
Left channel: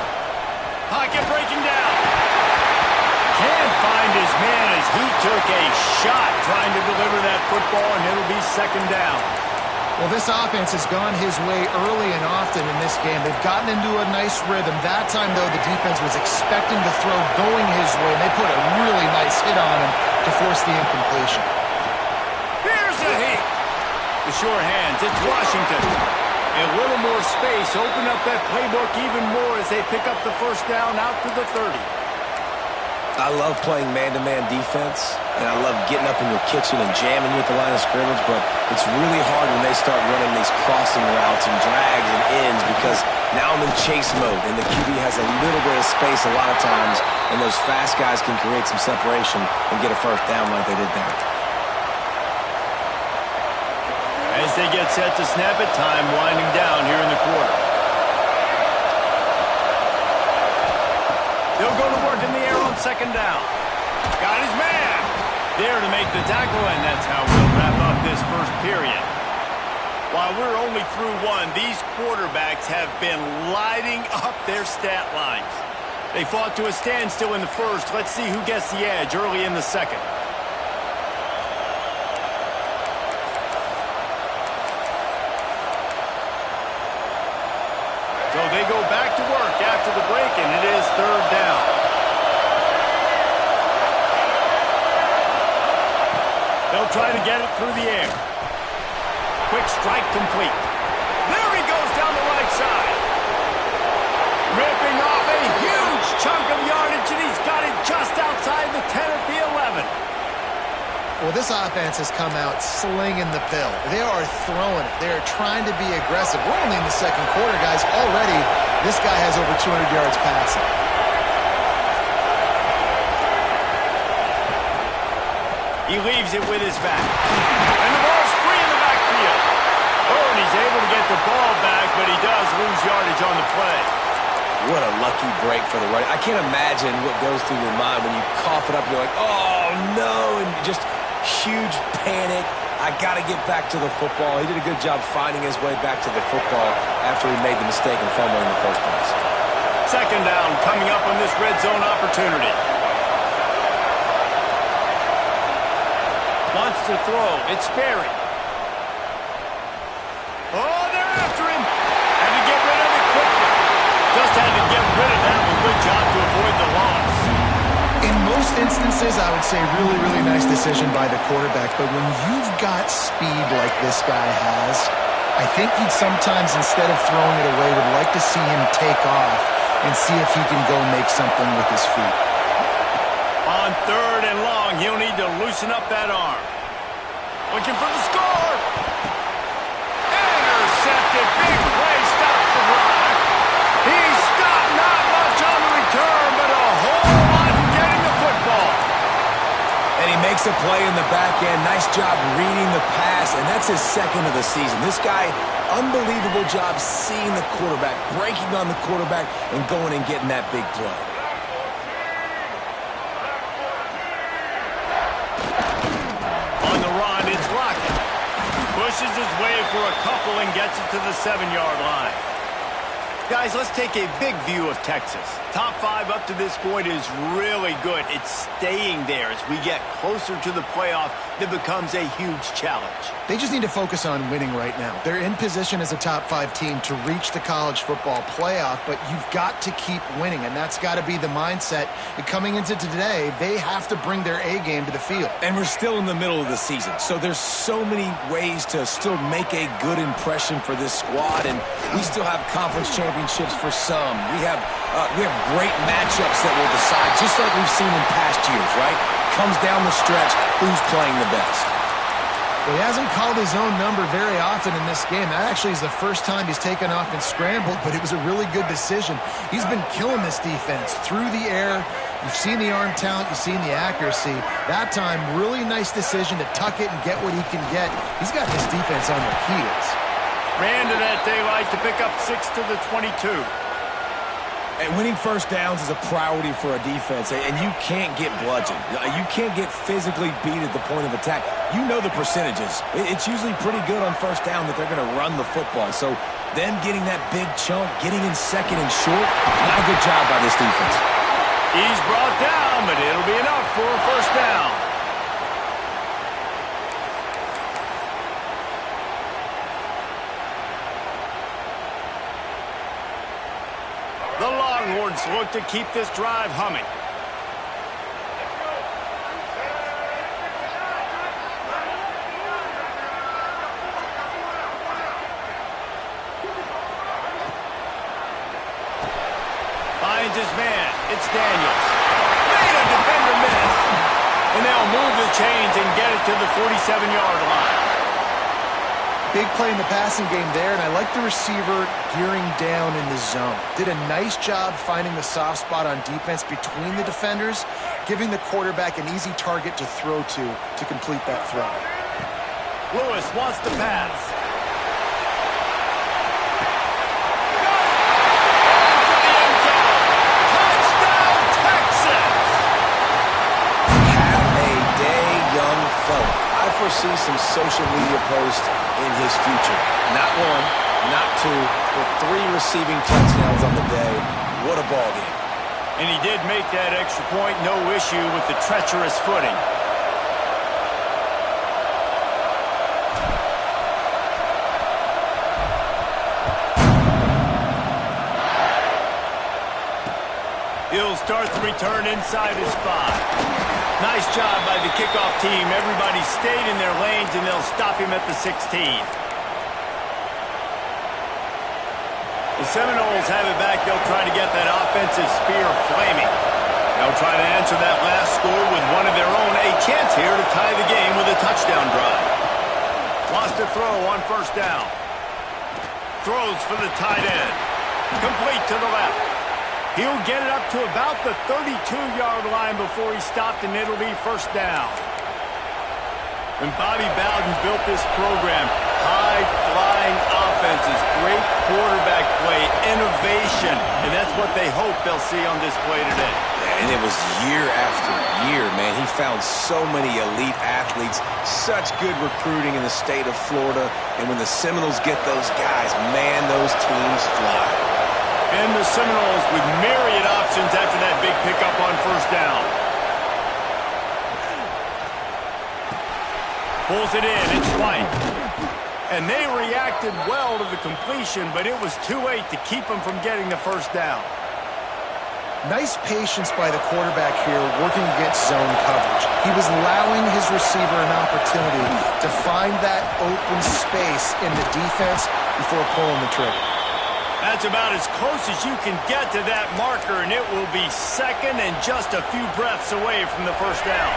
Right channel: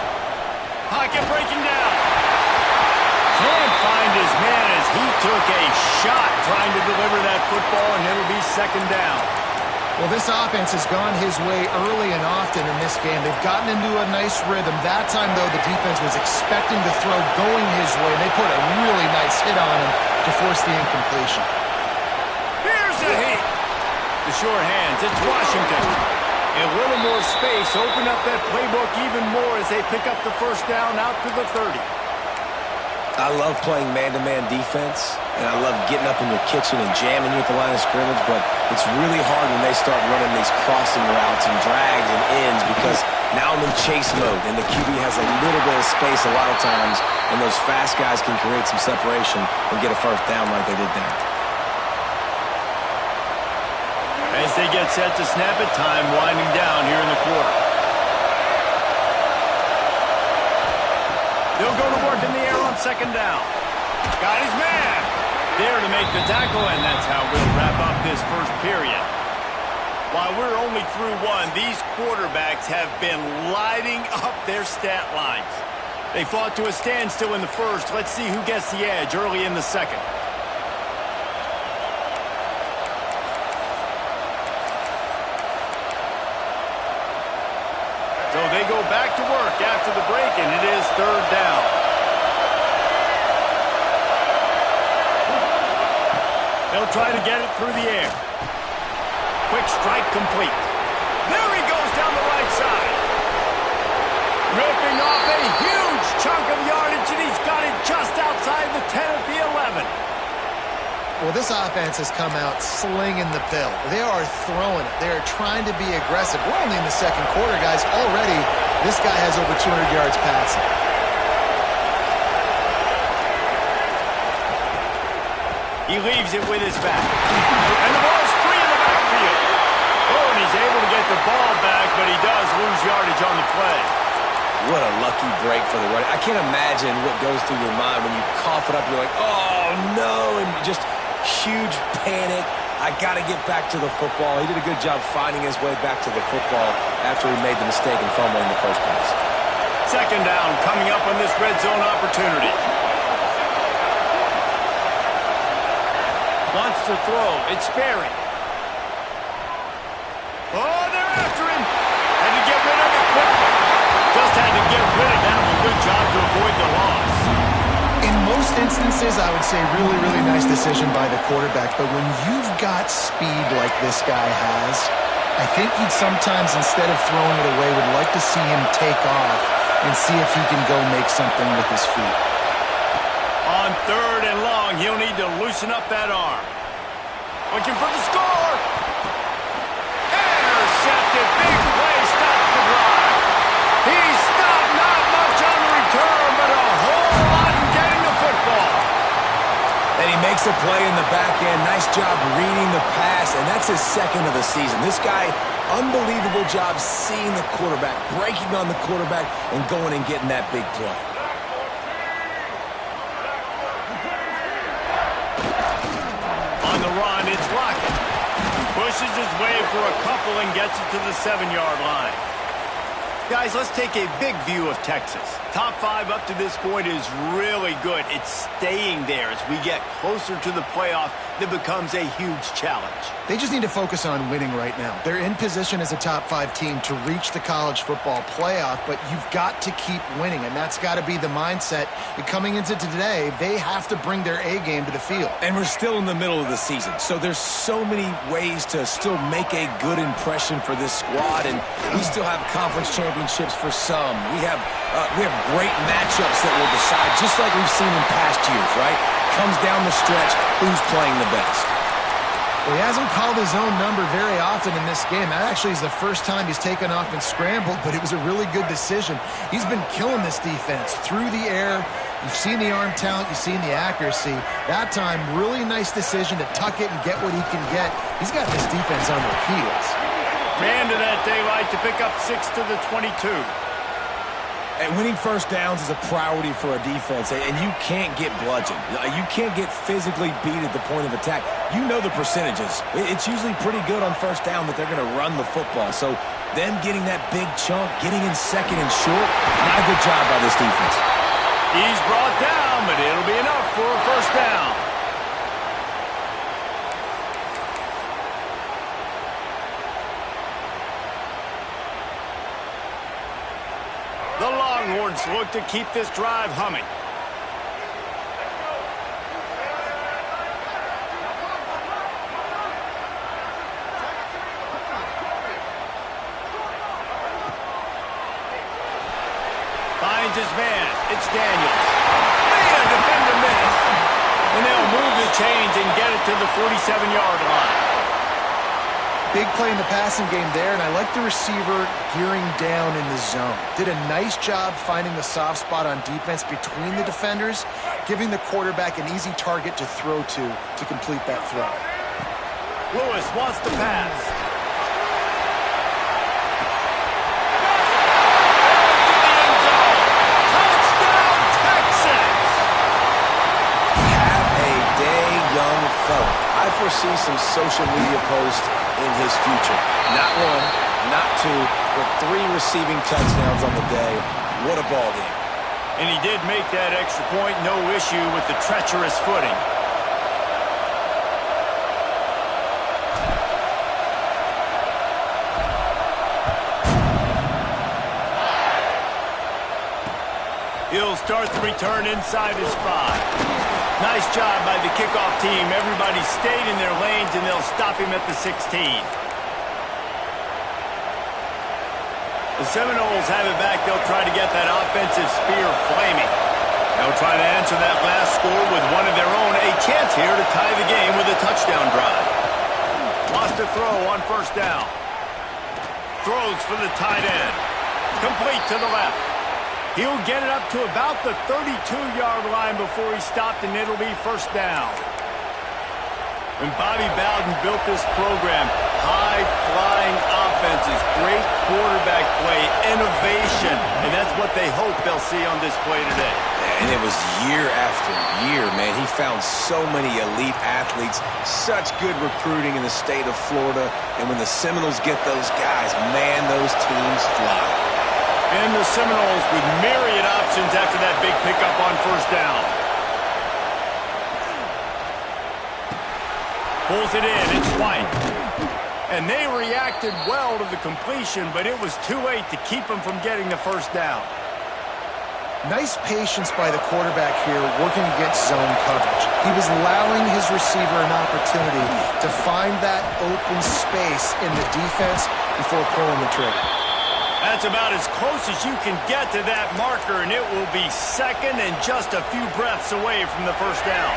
Pocket breaking down. Can't find his man as he took a shot trying to deliver that football, and it'll be second down. Well, this offense has gone his way early and often in this game. They've gotten into a nice rhythm. That time, though, the defense was expecting the throw going his way, and they put a really nice hit on him to force the incompletion. Here's a heat. The sure hands, it's Washington. A little more space, open up that playbook even more as they pick up the first down out to the 30. I love playing man-to-man defense, and I love getting up in your kitchen and jamming you at the line of scrimmage, but it's really hard when they start running these crossing routes and drags and ends because now I'm in chase mode, and the QB has a little bit of space a lot of times, and those fast guys can create some separation and get a first down like they did there. As they get set to snap it, time winding down here in the quarter. They'll go to work in the air on second down. Got his man there to make the tackle, and that's how we'll wrap up this first period. While we're only through one, these quarterbacks have been lighting up their stat lines. They fought to a standstill in the first. Let's see who gets the edge early in the second. So they go back to work after the break, and it is third down. They'll try to get it through the air. Quick strike complete. There he goes down the right side. Ripping off a huge chunk of yardage, and he's got it just outside the 10 at the 11. Well, this offense has come out slinging the pill. They are throwing it. They are trying to be aggressive. We're only in the second quarter, guys. Already, this guy has over 200 yards passing. He leaves it with his back. And the ball's free in the backfield. Oh, and he's able to get the ball back, but he does lose yardage on the play. What a lucky break for the running. I can't imagine what goes through your mind when you cough it up and you're like, oh, no, and just huge panic. I got to get back to the football. He did a good job finding his way back to the football after he made the mistake and fumble in the first place. Second down coming up on this red zone opportunity. Wants to throw. It's Sperry. Oh, they're after him. Had to get rid of it quickly. Just had to get rid of that one. Good job to avoid the loss. In most instances, I would say really, really nice decision by the quarterback. But when you've got speed like this guy has, I think he'd sometimes, instead of throwing it away, would like to see him take off and see if he can go make something with his feet. On third and long, he'll need to loosen up that arm. Looking for the score. Intercepted. Big play stops the drive. He stopped not much on the return, but a whole lot in getting the football. And he makes a play in the back end. Nice job reading the pass, and that's his second of the season. This guy, unbelievable job seeing the quarterback, breaking on the quarterback, and going and getting that big play. On the run, it's Lockett. Pushes his way for a couple and gets it to the 7-yard line. Guys, let's take a big view of Texas. Top 5 up to this point is really good. It's staying there as we get closer to the playoff. That becomes a huge challenge. They just need to focus on winning right now. They're in position as a top 5 team to reach the college football playoff, but you've got to keep winning, and that's got to be the mindset. And coming into today, they have to bring their A game to the field. And we're still in the middle of the season, so there's so many ways to still make a good impression for this squad, and we still have conference championships for some. We have great matchups that will decide, just like we've seen in past years, right? Comes down the stretch, who's playing the best. Well, he hasn't called his own number very often in this game. That actually is the first time he's taken off and scrambled, but it was a really good decision. He's been killing this defense through the air. You've seen the arm talent. You've seen the accuracy. That time, really nice decision to tuck it and get what he can get. He's got this defense on their heels. Ran to that daylight to pick up 6 to the 22. And winning first downs is a priority for a defense, and you can't get bludgeoned. You can't get physically beat at the point of attack. You know the percentages. It's usually pretty good on first down that they're going to run the football. So them getting that big chunk, getting in second and short, not a good job by this defense. He's brought down, but it'll be enough for a first down. The Longhorns look to keep this drive humming. Finds his man. It's Daniels. Made a defender miss. And they'll move the chains and get it to the 47-yard line. Big play in the passing game there, and I like the receiver gearing down in the zone. Did a nice job finding the soft spot on defense between the defenders, giving the quarterback an easy target to throw to complete that throw. Lewis wants to pass. Into the end zone. Touchdown, Texas! Have a day, young fella. I foresee some social media posts in his future. Not one, not two, but 3 receiving touchdowns on the day. What a ball game. And he did make that extra point, no issue with the treacherous footing. He'll start the return inside his 5. Nice job by the kickoff team. Everybody stayed in their lanes, and they'll stop him at the 16. The Seminoles have it back. They'll try to get that offensive spear flaming. They'll try to answer that last score with one of their own. A chance here to tie the game with a touchdown drive. Wants to throw on first down. Throws for the tight end. Complete to the left. He'll get it up to about the 32-yard line before he stopped, and it'll be first down. When Bobby Bowden built this program, high-flying offenses, great quarterback play, innovation, and that's what they hope they'll see on display today. And it was year after year, man. He found so many elite athletes, such good recruiting in the state of Florida, and when the Seminoles get those guys, man, those teams fly. And the Seminoles with myriad options after that big pickup on first down. Pulls it in, it's White. And they reacted well to the completion, but it was too late to keep them from getting the first down. Nice patience by the quarterback here working against zone coverage. He was allowing his receiver an opportunity to find that open space in the defense before pulling the trigger. That's about as close as you can get to that marker, and it will be second and just a few breaths away from the first down.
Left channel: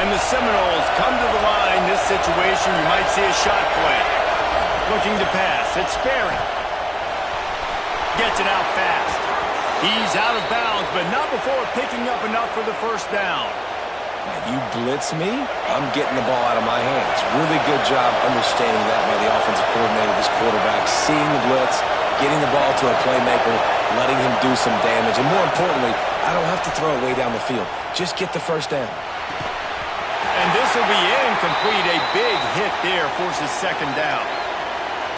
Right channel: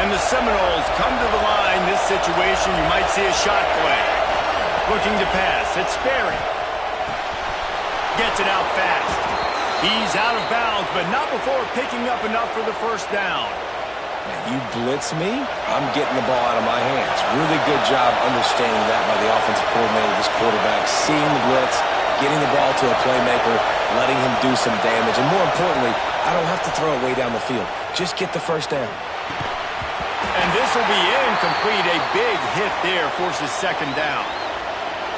And the Seminoles come to the line. This situation, you might see a shot play. Looking to pass. It's Sperry. Gets it out fast. He's out of bounds, but not before picking up enough for the first down. Man, you blitz me, I'm getting the ball out of my hands. Really good job understanding that by the offensive coordinator, this quarterback, seeing the blitz, getting the ball to a playmaker, letting him do some damage. And more importantly, I don't have to throw it way down the field. Just get the first down. And this will be incomplete. A big hit there forces second down.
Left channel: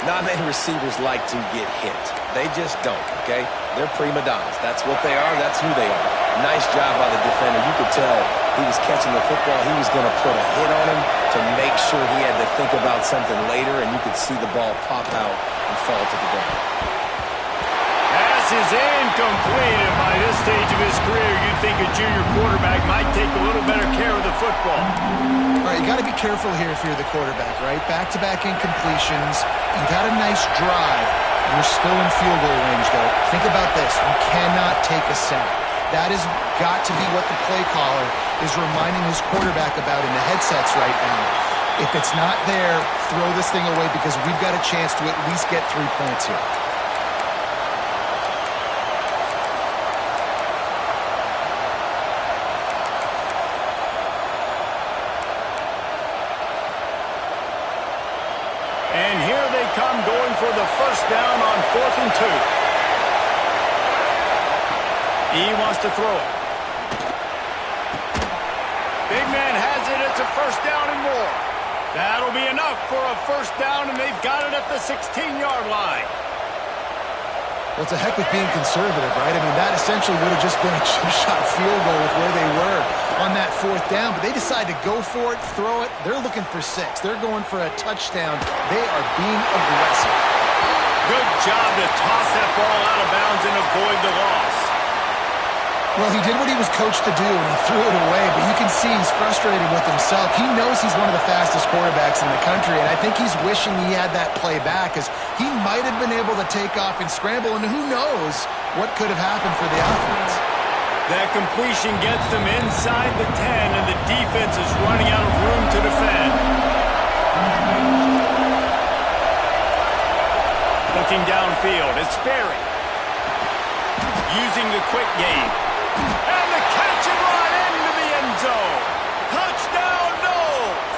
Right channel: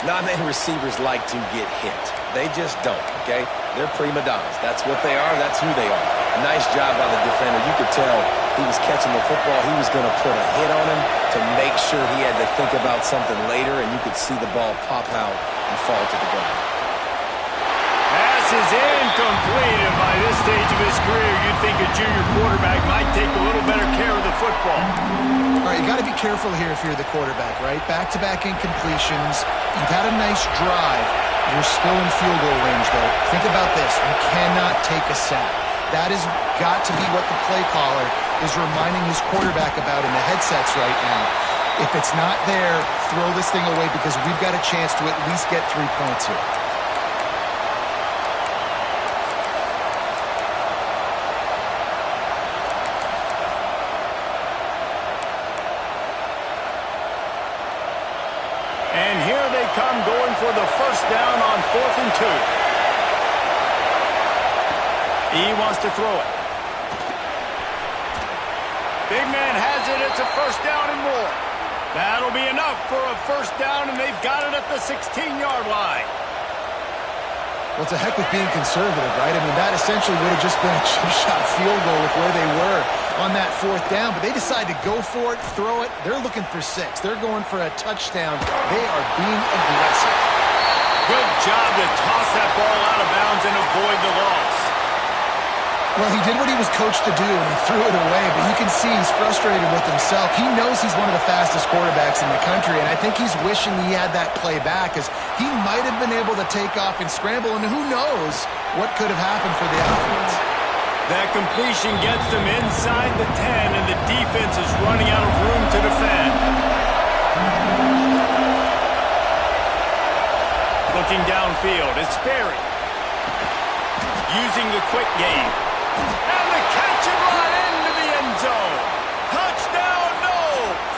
Not many receivers like to get hit. They just don't, okay? They're prima donnas. That's what they are. That's who they are. Nice job by the defender. You could tell he was catching the football. He was going to put a hit on him to make sure he had to think about something later, and you could see the ball pop out and fall to the ground. Pass is incomplete, and by this stage of his career, you'd think a junior quarterback might take a little better care of the football. All right, you got to be careful here if you're the quarterback, right? Back-to-back incompletions. You've had a nice drive. You're still in field goal range, though. Think about this. You cannot take a sack. That has got to be what the play caller is reminding his quarterback about in the headsets right now. If it's not there, throw this thing away because we've got a chance to at least get 3 points here. And here they come going for the first down on 4th and 2. He wants to throw it. Big man has it. It's a first down and more. That'll be enough for a first down, and they've got it at the 16-yard line. Well, it's a heck of being conservative, right? I mean, that essentially would have just been a chip shot field goal with where they were on that 4th down. But they decide to go for it, throw it. They're looking for 6. They're going for a touchdown. They are being aggressive. Good job to toss that ball out of bounds and avoid the loss. Well, he did what he was coached to do, and he threw it away. But you can see he's frustrated with himself. He knows he's one of the fastest quarterbacks in the country, and I think he's wishing he had that play back, as he might have been able to take off and scramble, and who knows what could have happened for the offense. That completion gets them inside the 10, and the defense is running out of room to defend. Looking downfield, it's Sperry. Using the quick game. And the catch and run into the end zone. Touchdown, Noles!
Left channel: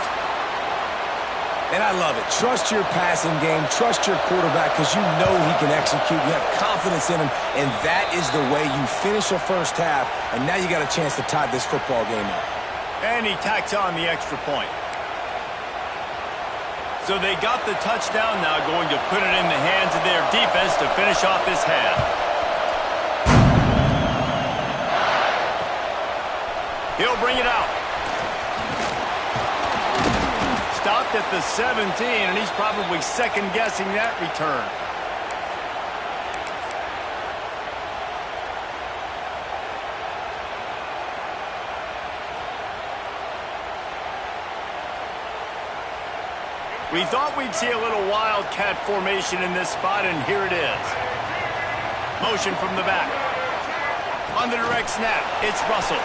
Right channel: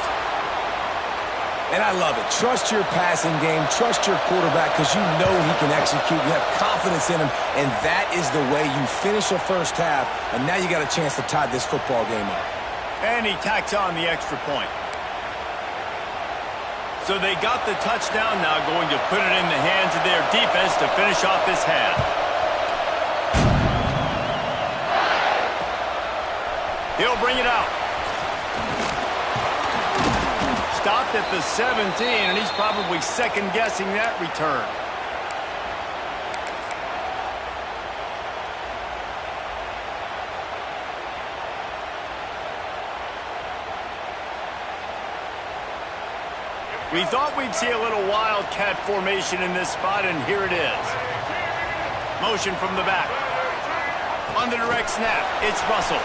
And I love it. Trust your passing game. Trust your quarterback because you know he can execute. You have confidence in him, and that is the way you finish a first half, and now you got a chance to tie this football game up. And he tacks on the extra point. So they got the touchdown, now going to put it in the hands of their defense to finish off this half. He'll bring it out. Stopped at the 17, and he's probably second-guessing that return. We thought we'd see a little wildcat formation in this spot, and here it is. Motion from the back. On the direct snap, it's Russell.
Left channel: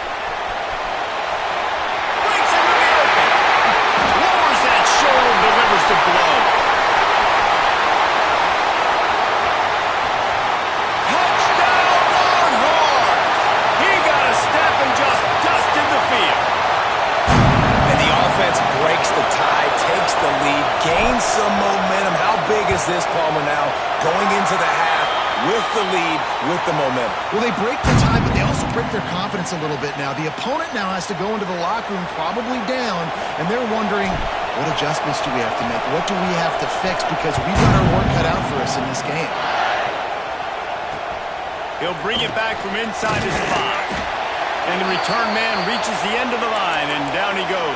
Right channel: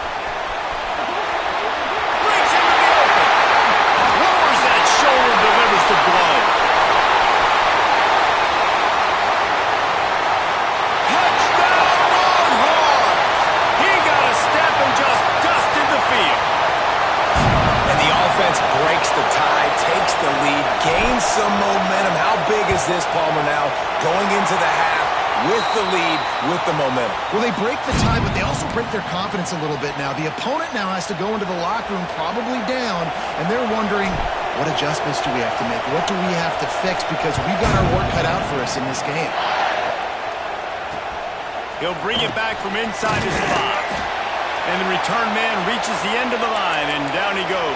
Breaks into the open. Lowers that shoulder, delivers the blow. Touchdown, Longhorns! He got a step and just dusted the field. And the offense breaks the tie, takes the lead, gains some momentum. How big is this, Palmer, now going into the half with the lead, with the momentum? Well, they break the tie, but they also break their confidence a little bit now. The opponent now has to go into the locker room probably down, and they're wondering, what adjustments do we have to make? What do we have to fix? Because we've got our work cut out for us in this game. He'll bring it back from inside his 5. And the return man reaches the end of the line, and down he goes.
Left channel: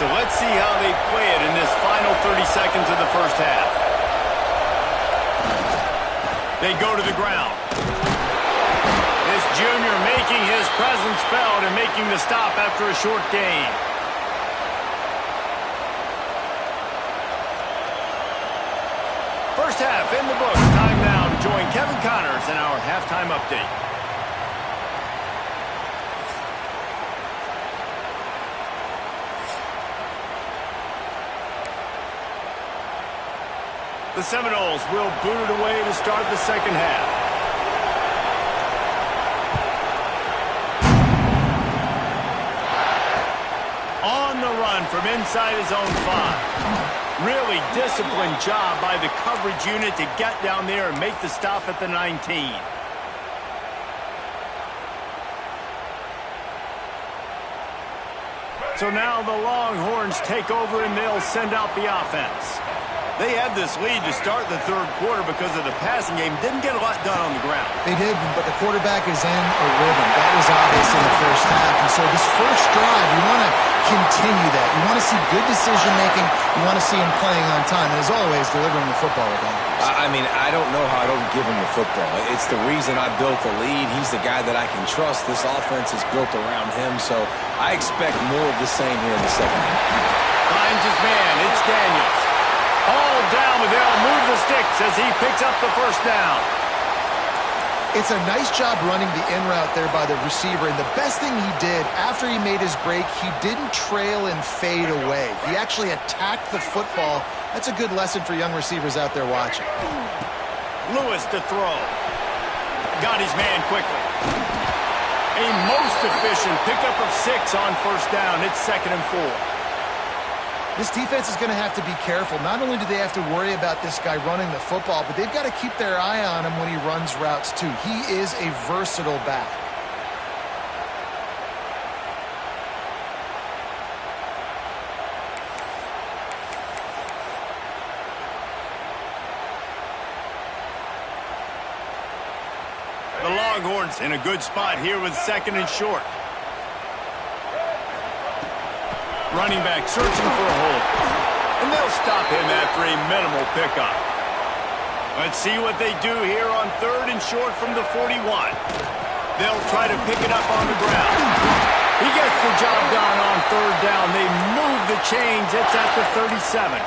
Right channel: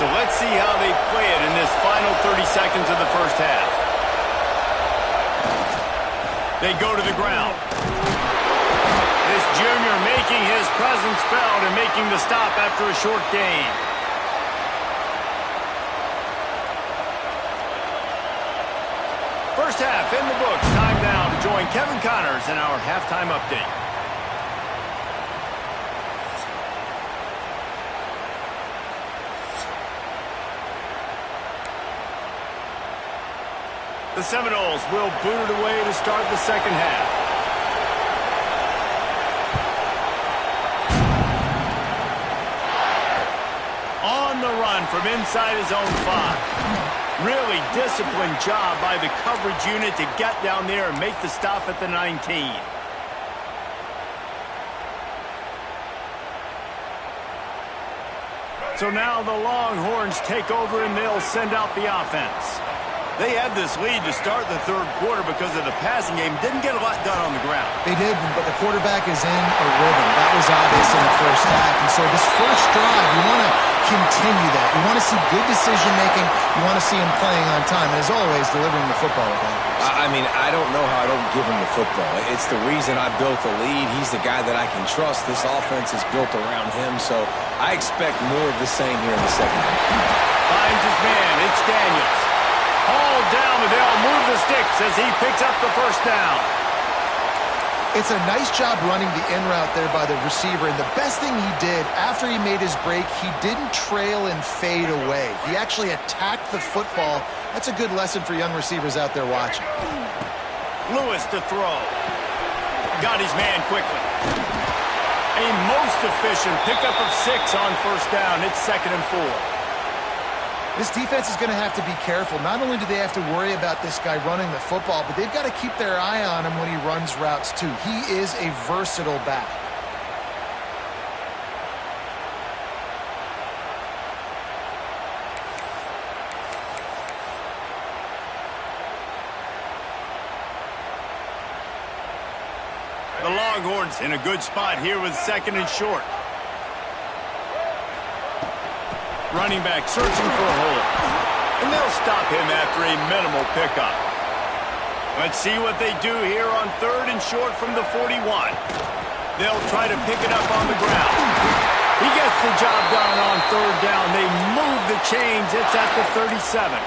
So let's see how they play it in this final 30 seconds of the first half. They go to the ground. This junior making his presence felt and making the stop after a short gain. First half in the books. Time now to join Kevin Connors in our halftime update. The Seminoles will boot it away to start the second half. On the run from inside his own 5. Really disciplined job by the coverage unit to get down there and make the stop at the 19. So now the Longhorns take over and they'll send out the offense. They had this lead to start the third quarter because of the passing game. Didn't get a lot done on the ground. They did, but the quarterback is in a rhythm. That was obvious in the first half. And so this first drive, you want to continue that. You want to see good decision-making. You want to see him playing on time. And as always, delivering the football with accuracy. I mean, I don't know how I don't give him the football. It's the reason I built the lead. He's the guy that I can trust. This offense is built around him. So I expect more of the same here in the second half. Finds his man. It's Daniels. All down, but they'll move the sticks as he picks up the first down. It's a nice job running the in route there by the receiver, and the best thing he did after he made his break, he didn't trail and fade away. He actually attacked the football. That's a good lesson for young receivers out there watching. Lewis to throw. Got his man quickly. A most efficient pickup of 6 on first down. It's 2nd and 4. This defense is going to have to be careful. Not only do they have to worry about this guy running the football, but they've got to keep their eye on him when he runs routes too. He is a versatile back. The Longhorns in a good spot here with 2nd and short. Running back searching for a hole. And they'll stop him after a minimal pickup. Let's see what they do here on 3rd and short from the 41. They'll try to pick it up on the ground. He gets the job done on 3rd down. They move the chains. It's at the 37.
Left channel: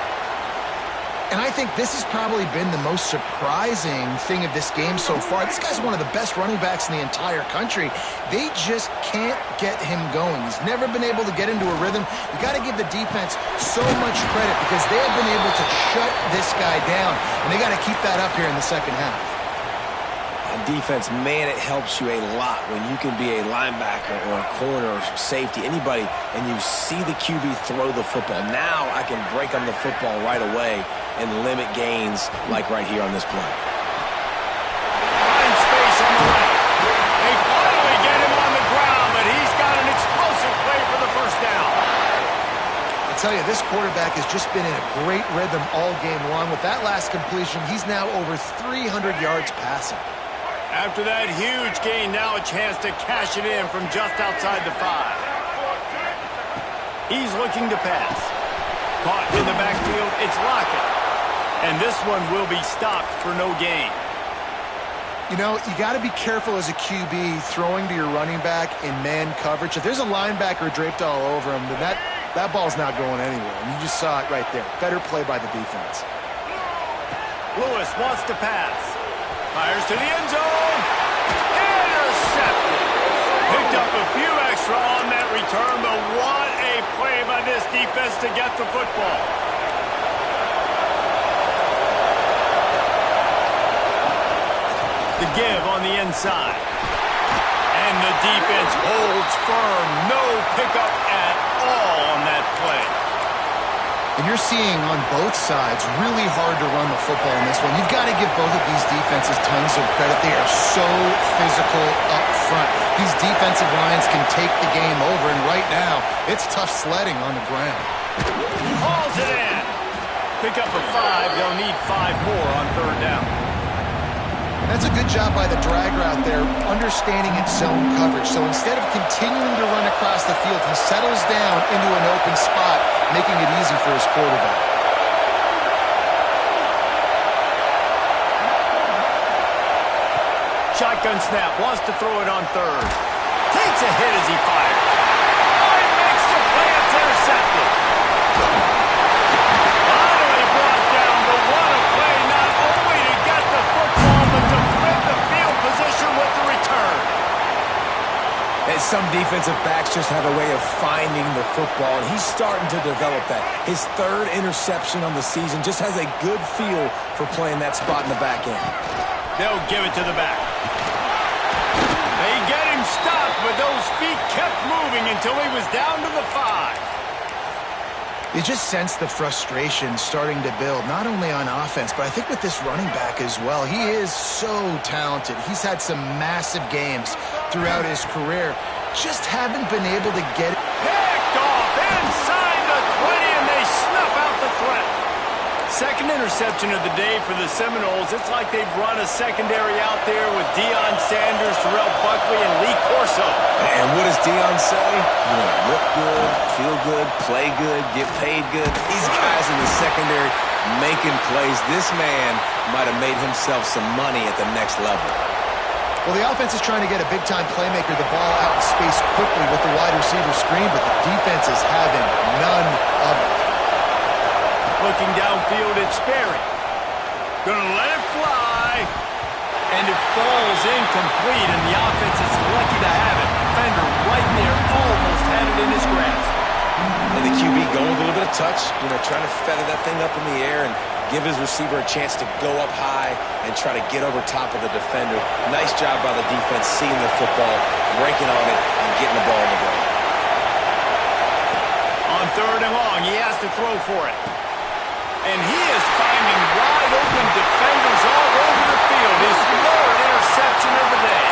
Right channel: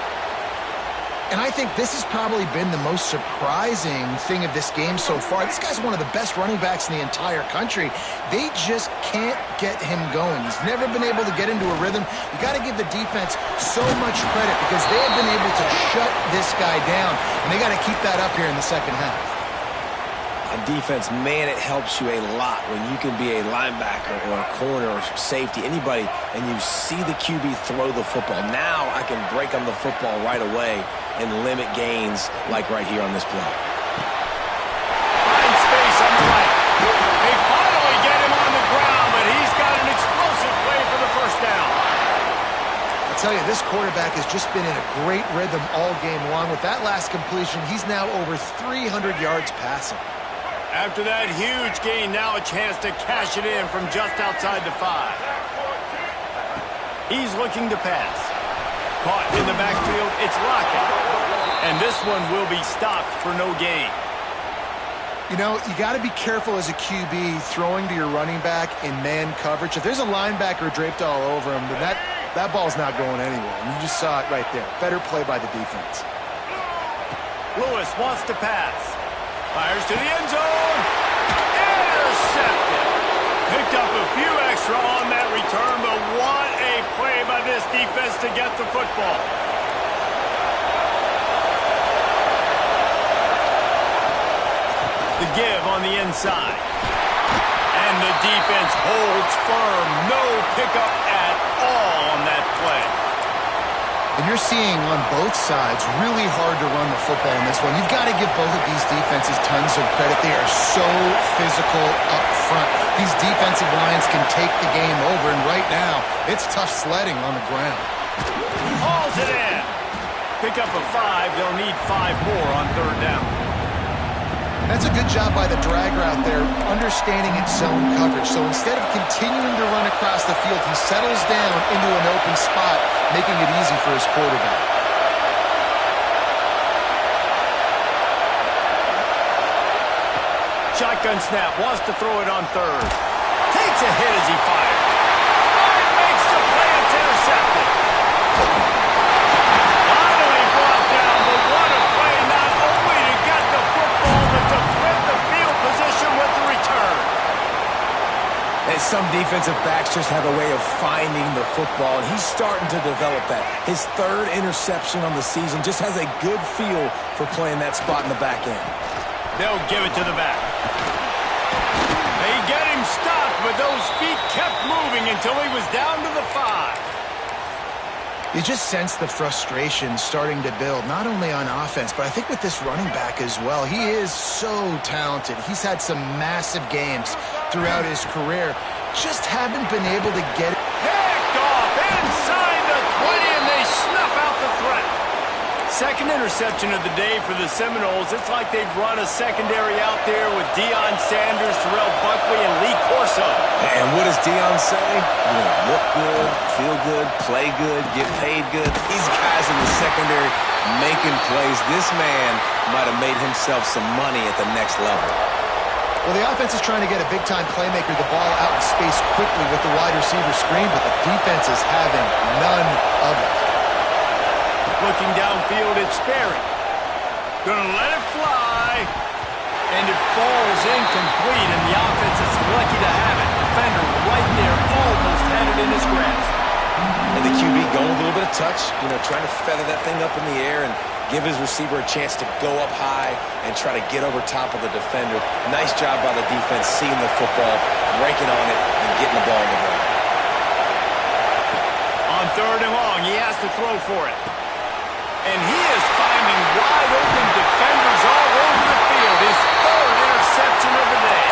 And I think this has probably been the most surprising thing of this game so far. This guy's one of the best running backs in the entire country. They just can't get him going. He's never been able to get into a rhythm. You got to give the defense so much credit because they have been able to shut this guy down, and they got to keep that up here in the second half. On defense, man, it helps you a lot when you can be a linebacker or a corner or safety, anybody, and you see the QB throw the football. Now I can break on the football right away and limit gains like right here on this play. Finds space on the right. They finally get him on the ground, but he's got an explosive play for the first down. I tell you, this quarterback has just been in a great rhythm all game long. With that last completion, he's now over 300 yards passing. After that huge gain, now a chance to cash it in from just outside the 5. He's looking to pass. Caught in the backfield, it's Lockett. And this one will be stopped for no gain. You know, you got to be careful as a QB throwing to your running back in man coverage. If there's a linebacker draped all over him, then that ball's not going anywhere. And you just saw it right there. Better play by the defense. Lewis wants to pass. Fires to the end zone. Intercepted. Picked up a few extra on that return, but what a play by this defense to get the football. The give on the inside. And the defense holds firm. No pickup at all on that play. And you're seeing on both sides really hard to run the football in this one. You've got to give both of these defenses tons of credit. They are so physical up front. These defensive lines can take the game over, and right now, it's tough sledding on the ground. Hauls it in. Pick up a 5. They'll need 5 more on 3rd down. That's a good job by the drag route there, understanding its zone coverage. So instead of continuing to run across the field, he settles down into an open spot, making it easy for his quarterback. Shotgun snap, wants to throw it on 3rd. Takes a hit as he fires. Oh, he makes the play, it's intercepted. Finally brought down, but what a play, not only to get the football, but to flip the field position with the return. And some defensive backs just have a way of finding the football, and he's starting to develop that. His 3rd interception on the season just has a good feel for playing that spot in the back end. They'll give it to the back. They get him stopped, but those feet kept moving until he was down to the 5. You just sense the frustration starting to build, not only on offense, but I think with this running back as well. He is so talented. He's had some massive games throughout his career. Just haven't been able to get it. Picked off inside the 20, and they snuff out the threat. 2nd interception of the day for the Seminoles. It's like they've run a secondary out there with Deion Sanders, Terrell Buckley, and Lee Corso. And what does Deion say? You know, look good, feel good, play good, get paid good. These guys in the secondary making plays. This man might have made himself some money at the next level. Well, the offense is trying to get a big-time playmaker the ball out in space quickly with the wide receiver screen, but the defense is having none of it. Looking downfield, it's Sperry. Gonna let it fly. And it falls incomplete, and the offense is lucky to have it. Defender right there almost had it in his grasp. And the QB going with a little bit of touch, trying to feather that thing up in the air and give his receiver a chance to go up high and try to get over top of the defender. Nice job by the defense seeing the football, breaking on it, and getting the ball on the ground. On 3rd and long, he has to throw for it. And he is finding wide open defenders all over the field. His 3rd interception of the day.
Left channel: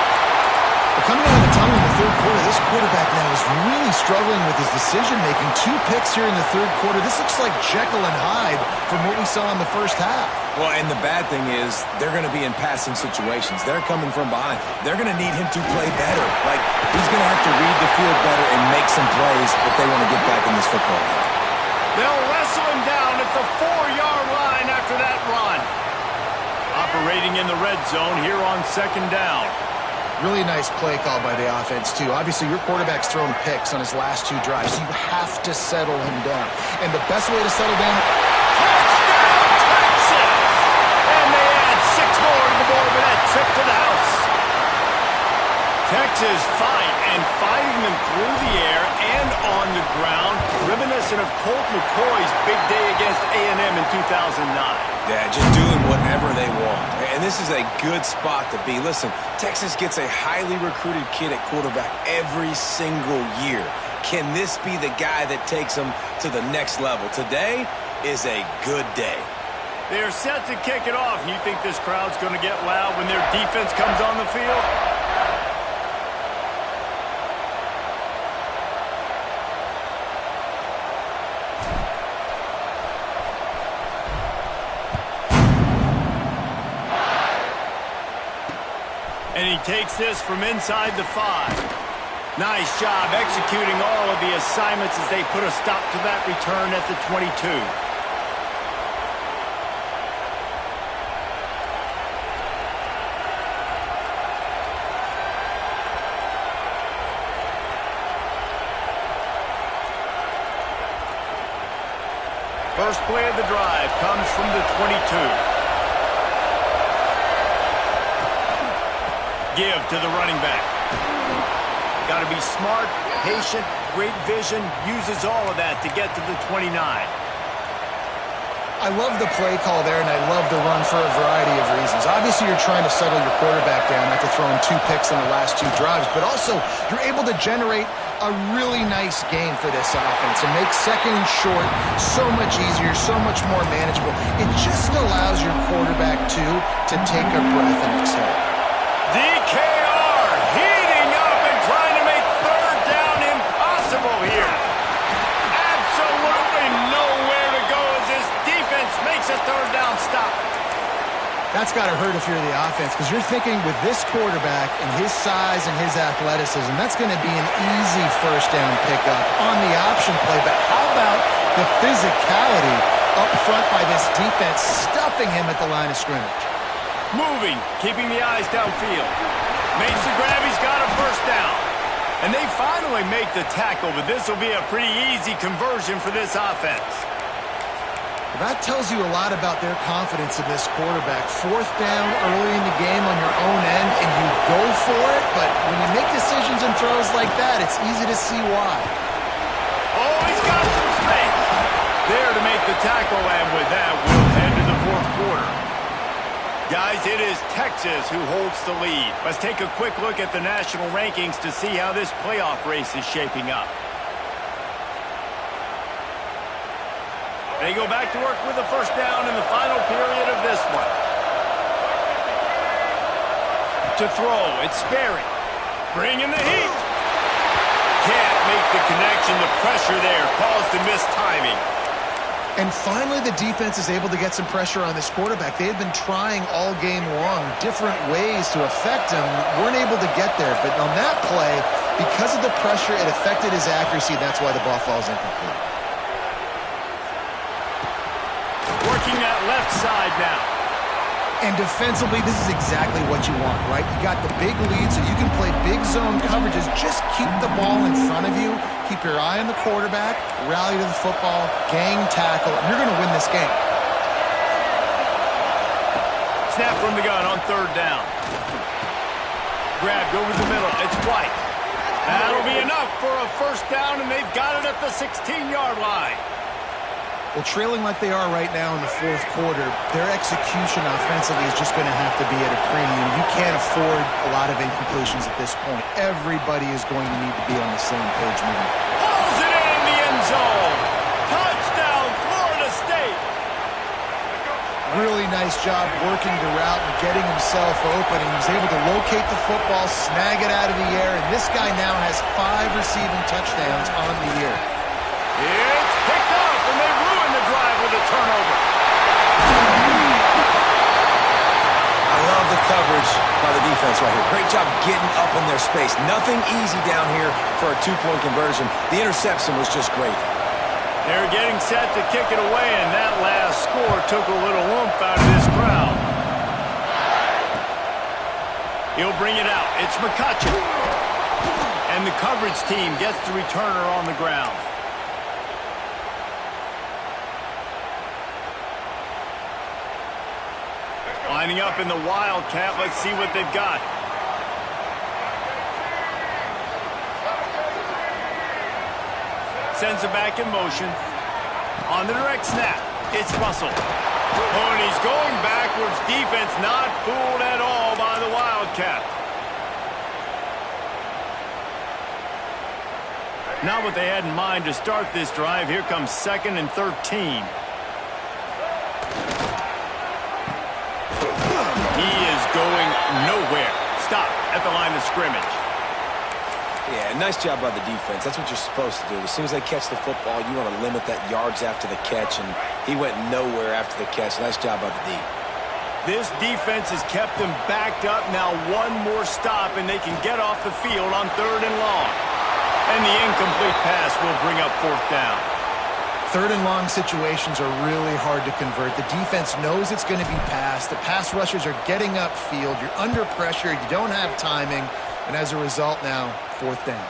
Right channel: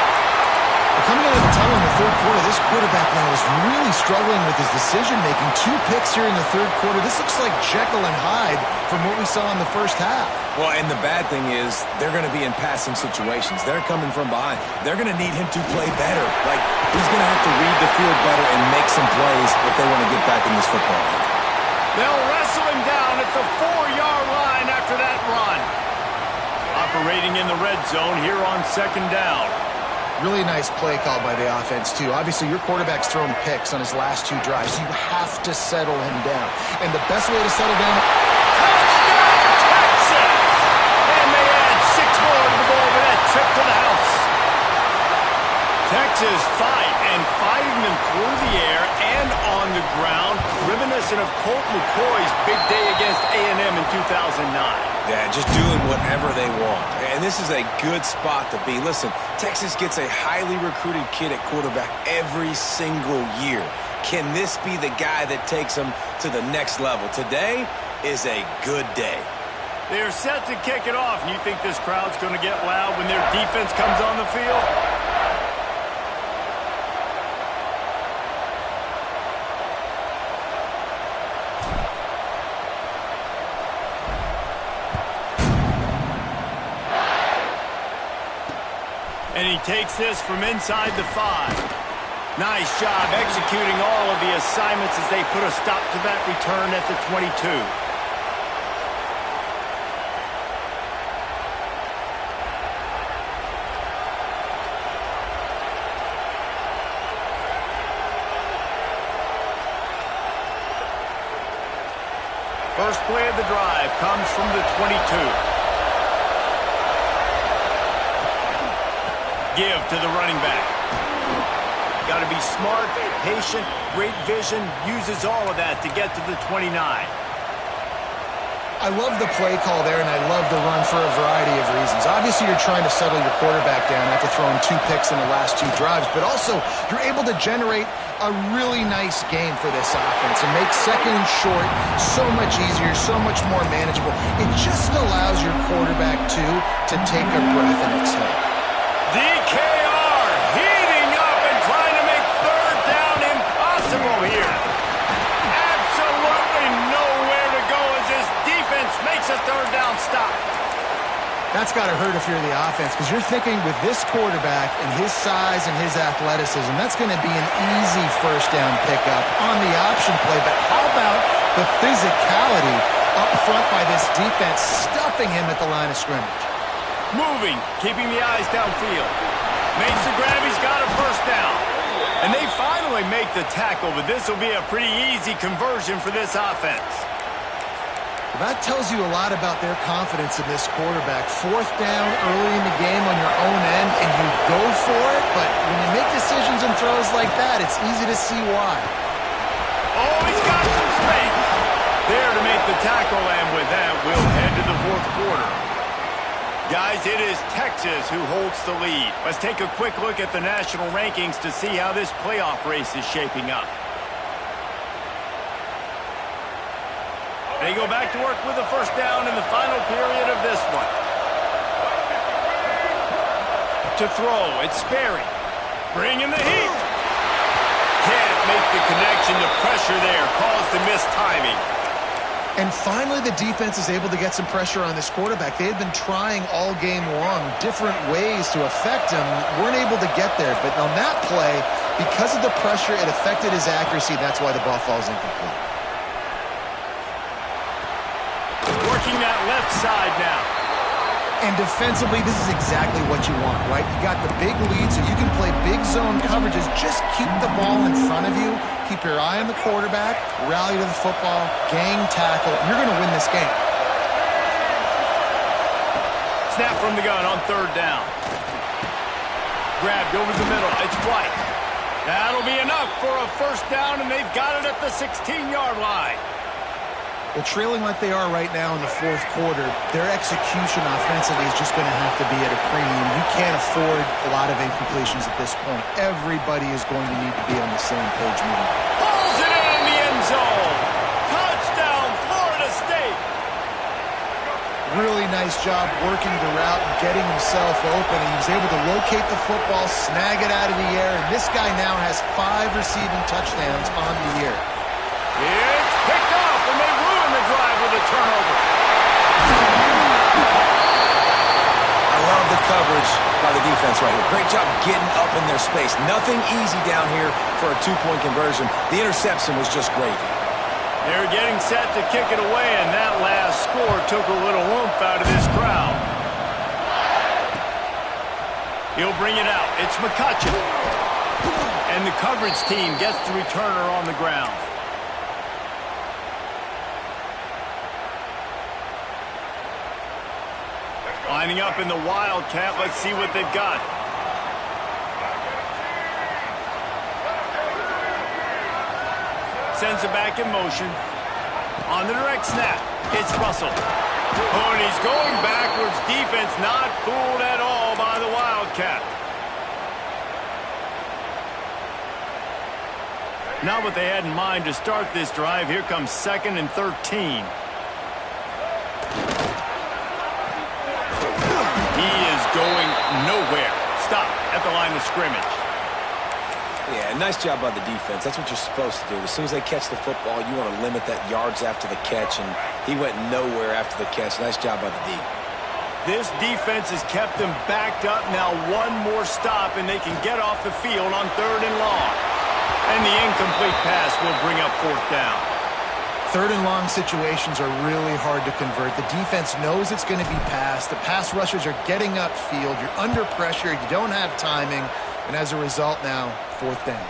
Well, coming out of the tunnel in the 3rd quarter, this quarterback now is really struggling with his decision-making. 2 picks here in the 3rd quarter. This looks like Jekyll and Hyde from what we saw in the first half. Well, and the bad thing is they're going to be in passing situations. They're coming from behind. They're going to need him to play better. Like, he's going to have to read the field better and make some plays if they want to get back in this football game. They'll wrestle him down at the 4-yard line after that run. Operating in the red zone here on 2nd down. Really nice play call by the offense, too. Obviously, your quarterback's thrown picks on his last 2 drives. You have to settle him down. And the best way to settle down... Touchdown, Texas! And they add 6 more to the board with that trip to the house. Texas fighting them through the air and on the ground, reminiscent of Colt McCoy's big day against A&M in 2009. Yeah, just doing whatever they want. And this is a good spot to be. Listen, Texas gets a highly recruited kid at quarterback every single year. Can this be the guy that takes them to the next level? Today is a good day. They're set to kick it off, and you think this crowd's going to get loud when their defense comes on the field? And he takes this from inside the 5. Nice job executing all of the assignments as they put a stop to that return at the 22. First play of the drive comes from the 22. Give to the running back. Got to be smart, patient, great vision, uses all of that to get to the 29. I love the play call there, and I love the run for a variety of reasons. Obviously, you're trying to settle your quarterback down after throwing 2 picks in the last 2 drives, but also you're able to generate a really nice game for this offense and make 2nd and short so much easier, so much more manageable. It just allows your quarterback, too, to take a breath and exhale. DKR heating up and trying to make 3rd down impossible here. Absolutely nowhere to go as this defense makes a 3rd down stop. That's got to hurt if you're the offense, because you're thinking with this quarterback and his size and his athleticism, that's going to be an easy 1st down pickup on the option play. But how about the physicality up front by this defense, stuffing him at the line of scrimmage? Moving, keeping the eyes downfield. Makes the grab, he's got a 1st down. And they finally make the tackle, but this will be a pretty easy conversion for this offense. Well, that tells you a lot about their confidence in this quarterback. 4th down early in the game on your own end, and you go for it, but when you make decisions and throws like that, it's easy to see why. Oh, he's got some space there to make the tackle, and with that, we'll head to the 4th quarter. Guys, it is Texas who holds the lead. Let's take a quick look at the national rankings to see how this playoff race is shaping up. They go back to work with the 1st down in the final period of this one. To throw, it's Sperry. Bringing the heat. Can't make the connection. The pressure there caused the missed timing. And finally, the defense is able to get some pressure on this quarterback. They had been trying all game long different ways to affect him. Weren't able to get there. But on that play, because of the pressure, it affected his accuracy. That's why the ball falls incomplete. Working that left side now. And defensively, this is exactly what you want, right? You got the big lead, so you can play big zone coverages. Just keep the ball in front of you. Keep your eye on the quarterback. Rally to the football. Gang tackle. You're going to win this game. Snap from the gun on third down. Grabbed over the middle. It's White. That'll be enough for a first down, and they've got it at the 16-yard line. Well, trailing like they are right now in the fourth quarter, their execution offensively is just going to have to be at a premium. You can't afford a lot of incompletions at this point. Everybody is going to need to be on the same page moving. Pulls it in the end zone. Touchdown, Florida State. Really nice job working the route and getting himself open, and he was able to locate the football, snag it out of the air, and this guy now has 5 receiving touchdowns on the year. It's picked off, and they ruin the drive with a turnover. I love the coverage by the defense right here. Great job getting up in their space. Nothing easy down here for a 2-point conversion. The interception was just great. They're getting set to kick it away, and that last score took a little oomph out of this crowd. He'll bring it out. It's McCutcheon. And the coverage team gets the returner on the ground. Lining up in the Wildcat. Let's see what they've got. Sends it back in motion. On the direct snap, it's Russell. Oh, and he's going backwards. Defense not fooled at all by the Wildcat. Not what they had in mind to start this drive. Here comes 2nd and 13. He is going nowhere. Stop at the line of scrimmage. Yeah, nice job by the defense. That's what you're supposed to do. As soon as they catch the football, you want to limit that yards after the catch, and he went nowhere after the catch. Nice job by the D. This defense has kept them backed up. Now one more stop, and they can get off the field on 3rd and long. And the incomplete pass will bring up 4th down. 3rd and long situations are really hard to convert. The defense knows it's going to be passed. The pass rushers are getting upfield. You're under pressure. You don't have timing. And as a result now, 4th down.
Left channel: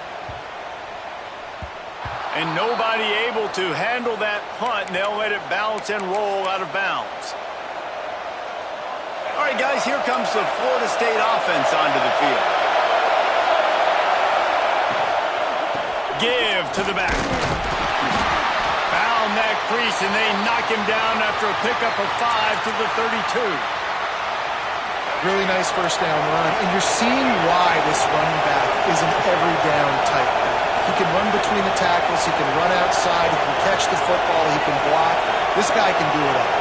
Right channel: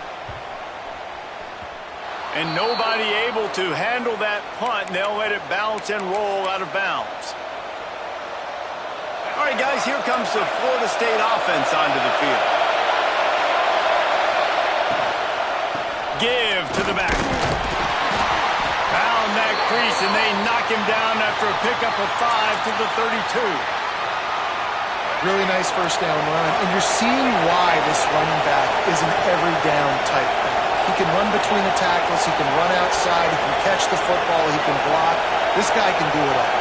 And nobody able to handle that punt. And they'll let it bounce and roll out of bounds. All right, guys, here comes the Florida State offense onto the field. Give to the back. Found that crease, and they knock him down after a pickup of 5 to the 32. Really nice first down run, and you're seeing why this running back is an every down type back. He can run between the tackles, he can run outside, he can catch the football, he can block. This guy can do it all.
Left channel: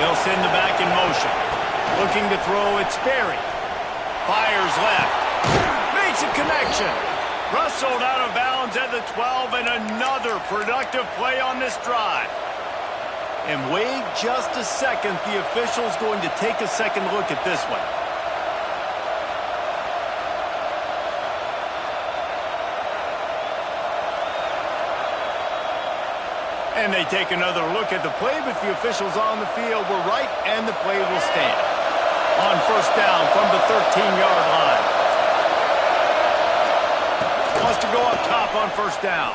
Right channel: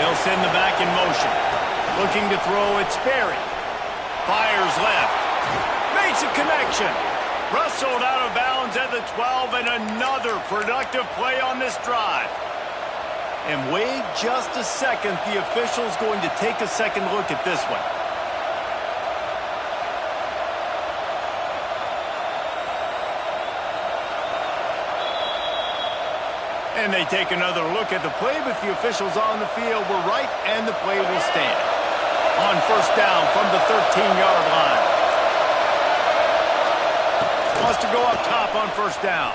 They'll send the back in motion. Looking to throw, it's Sperry. Fires left. Makes a connection. Rustled out of bounds at the 12, and another productive play on this drive. And wait just a second. The official's going to take a second look at this one. And they take another look at the play, but the officials on the field were right, and the play will stand. On first down from the 13-yard line. Wants to go up top on first down.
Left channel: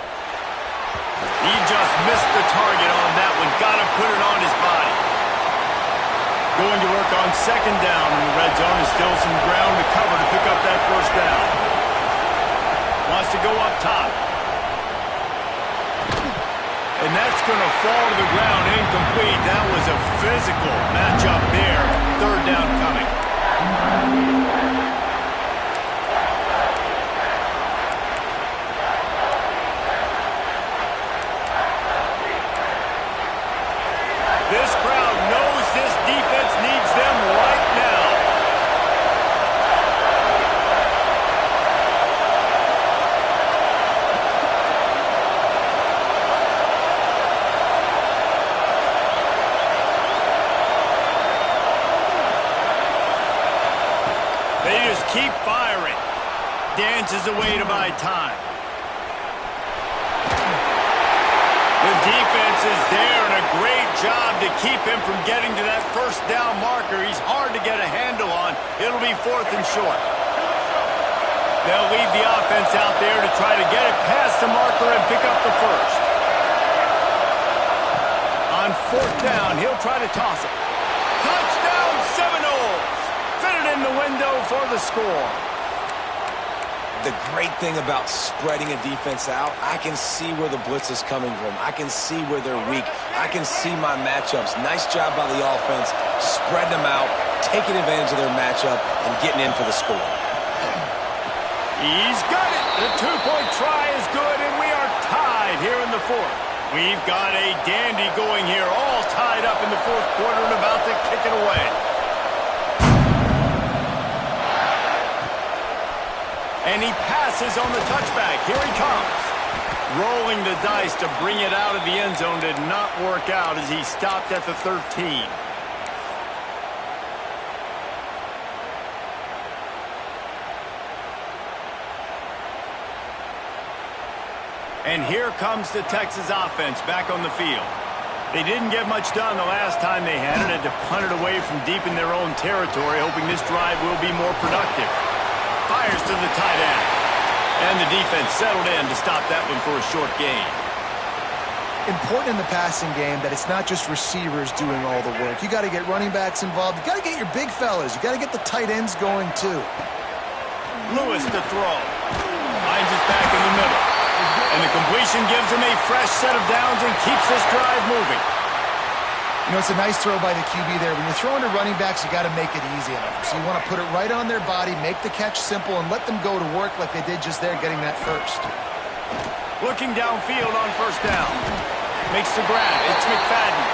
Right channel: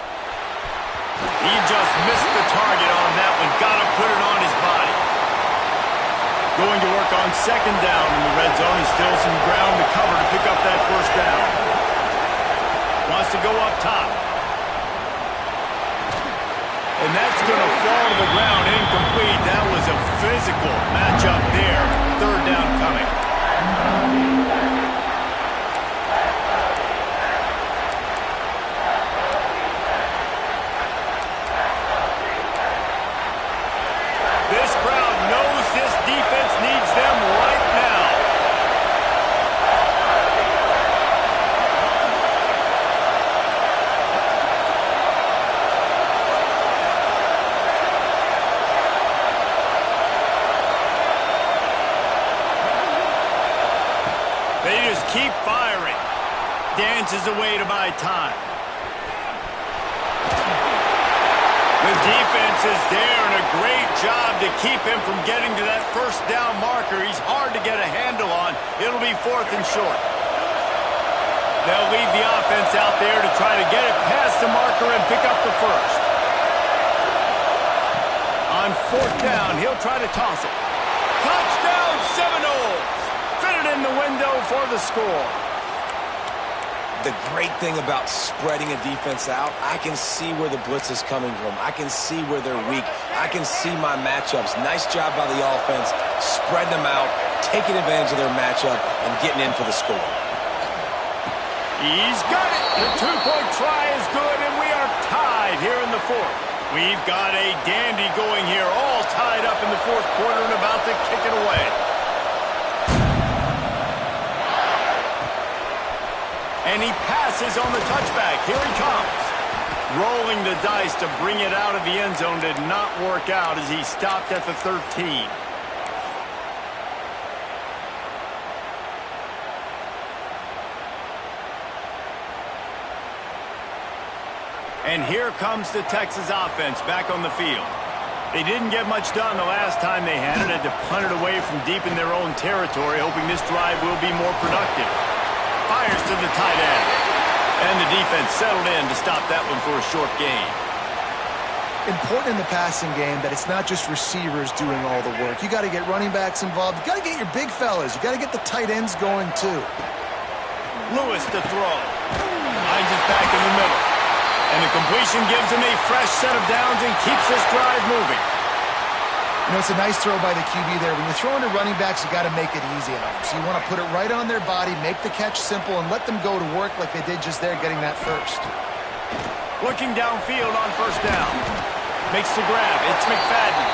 He just missed the target on that one. Got to put it on his body. Going to work on 2nd down in the red zone. Is still some ground to cover to pick up that first down. Wants to go up top. And that's going to fall to the ground incomplete. That was a physical matchup there. 3rd down coming. This crowd knows this defense needs them right now. They just keep firing. Dances away to buy time. The defense is there, and a great job to keep him from getting to that first down marker. He's hard to get a handle on. It'll be 4th and short. They'll leave the offense out there to try to get it past the marker and pick up the first. On 4th down, he'll try to toss it. Touchdown, Seminoles! Fit it in the window for the score. The great thing about spreading a defense out, I can see where the blitz is coming from. I can see where they're weak. I can see my matchups. Nice job by the offense, spreading them out, taking advantage of their matchup, and getting in for the score. He's got it. The 2-point try is good, and we are tied here in the 4th. We've got a dandy going here, all tied up in the 4th quarter and about to kick it away. And he passes on the touchback. Here he comes. Rolling the dice to bring it out of the end zone did not work out as he stopped at the 13. And here comes the Texas offense back on the field. They didn't get much done the last time they had it. Had to punt it away from deep in their own territory, hoping this drive will be more productive. Fires to the tight end. And the defense settled in to stop that one for a short gain. Important in the passing game that it's not just receivers doing all the work. You got to get running backs involved. You got to get your big fellas. You got to get the tight ends going too. Lewis to throw. Finds it back in the middle. And the completion gives him a fresh set of downs and keeps this drive moving. You know, it's a nice throw by the QB there. When you're throwing to running backs, you got to make it easy on them. So you want to put it right on their body, make the catch simple, and let them go to work like they did just there, getting that first. Looking downfield on 1st down. Makes the grab. It's McFadden.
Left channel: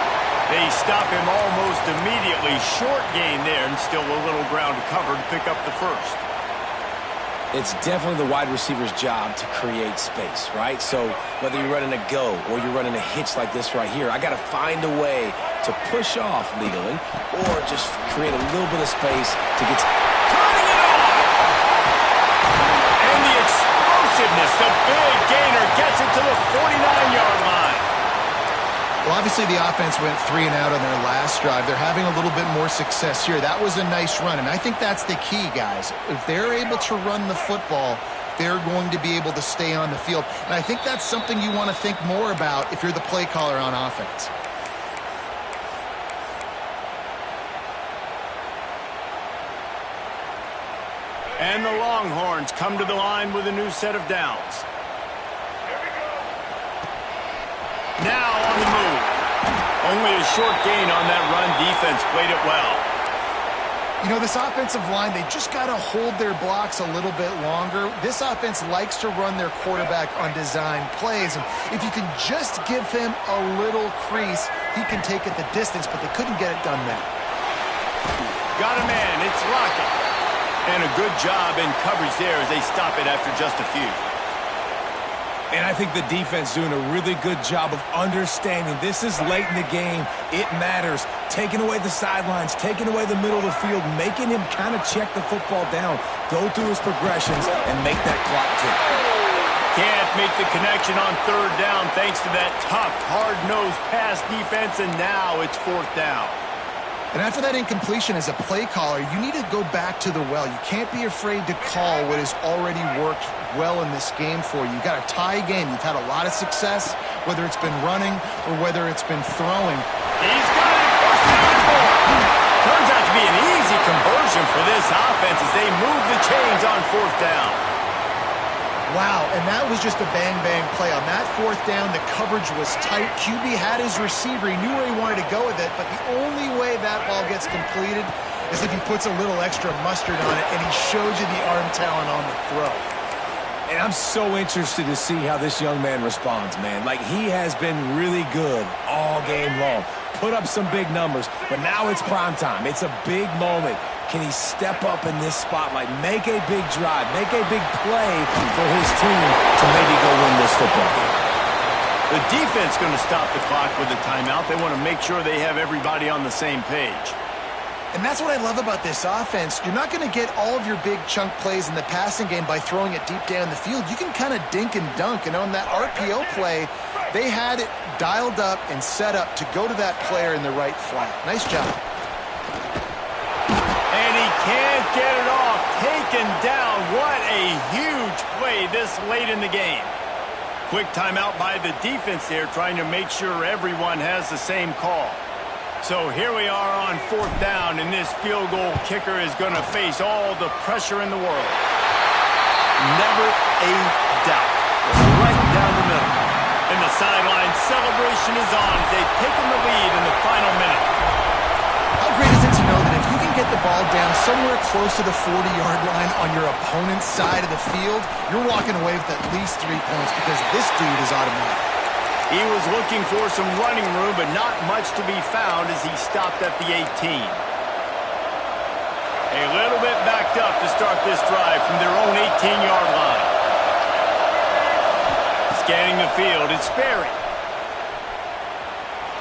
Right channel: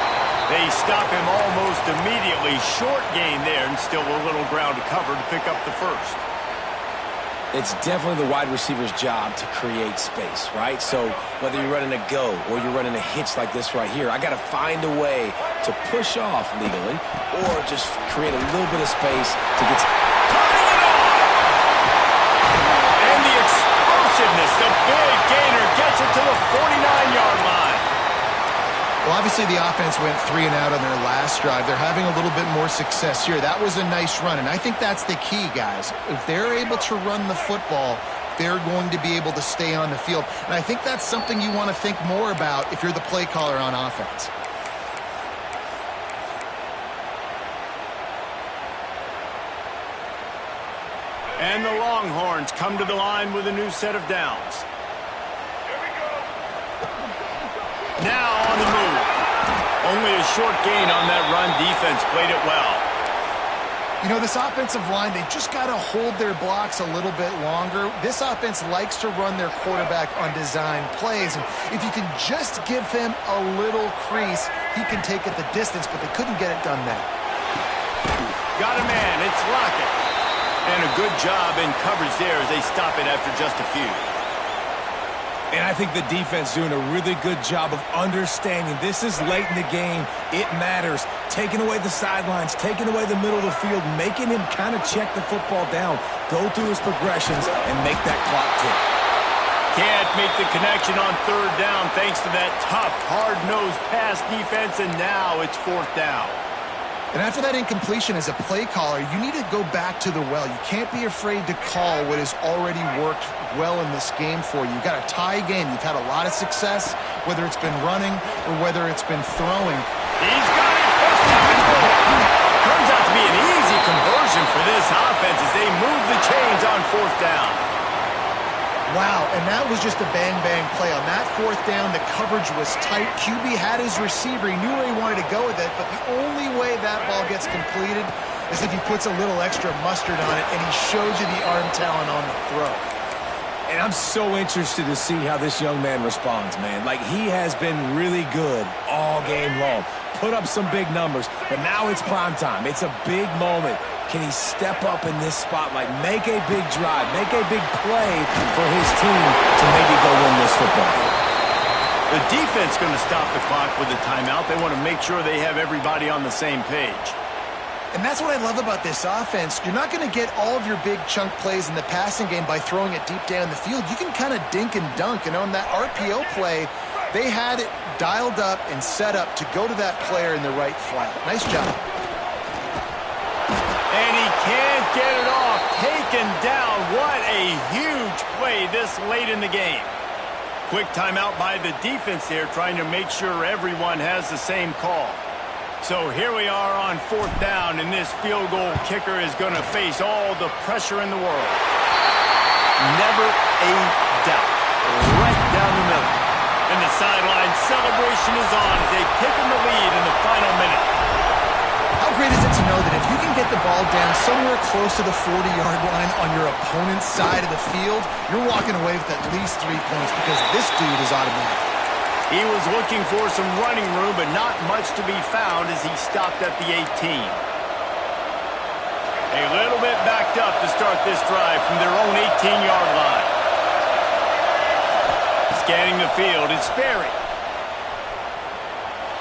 They stop him almost immediately. Short gain there, and still a little ground to cover to pick up the first. It's definitely the wide receiver's job to create space, right? So whether you're running a go or you're running a hitch like this right here, I got to find a way to push off legally or just create a little bit of space to get... Turning it on! And the explosiveness, the big gainer gets it to the 49-yard line. Well, obviously the offense went 3 and out on their last drive. They're having a little bit more success here. That was a nice run, and I think that's the key, guys. If they're able to run the football, they're going to be able to stay on the field. And I think that's something you want to think more about if you're the play caller on offense. And the Longhorns come to the line with a new set of downs. Now on the move. Only a short gain on that run. Defense played it well. You know, this offensive line, they just got to hold their blocks a little bit longer. This offense likes to run their quarterback on design plays. And if you can just give him a little crease, he can take it the distance, but they couldn't get it done now. Got a man. It's Lockett. And a good job in coverage there as they stop it after just a few. And I think the defense doing a really good job of understanding this is late in the game. It matters. Taking away the sidelines, taking away the middle of the field, making him kind of check the football down, go through his progressions, and make that clock tick. Can't make the connection on 3rd down thanks to that tough, hard-nosed pass defense, and now it's 4th down. And after that incompletion as a play caller, you need to go back to the well. You can't be afraid to call what has already worked well in this game for you. You've got a tie game. You've had a lot of success, whether it's been running or whether it's been throwing. He's got it. 1st down and 4. Turns out to be an easy conversion for this offense as they move the chains on 4th down. Wow, and that was just a bang-bang play. On that 4th down, the coverage was tight. QB had his receiver. He knew where he wanted to go with it, but the only way that ball gets completed is if he puts a little extra mustard on it, and he shows you the arm talent on the throw. And I'm so interested to see how this young man responds, man. Like, he has been really good all game long. Put up some big numbers, but now it's prime time. It's a big moment. Can he step up in this spotlight, make a big drive, make a big play for his team to maybe go win this football game? The defense going to stop the clock with a timeout. They want to make sure they have everybody on the same page. And that's what I love about this offense. You're not going to get all of your big chunk plays in the passing game by throwing it deep down the field. You can kind of dink and dunk. And on that RPO play, They had it dialed up and set up to go to that player in the right flat. Nice job. And he can't get it off. Taken down. What a huge play this late in the game. Quick timeout by the defense there, trying to make sure everyone has the same call. So here we are on 4th down, and this field goal kicker is going to face all the pressure in the world. Never a doubt. Right down the middle. And the sideline celebration is on as they've taken the lead in the final minute. How great is it to know that if you can get the ball down somewhere close to the 40-yard line on your opponent's side of the field, you're walking away with at least 3 points because this dude is automatic. He was looking for some running room, but not much to be found as he stopped at the 18. A little bit backed up to start this drive from their own 18-yard line. Scanning the field, it's Sperry.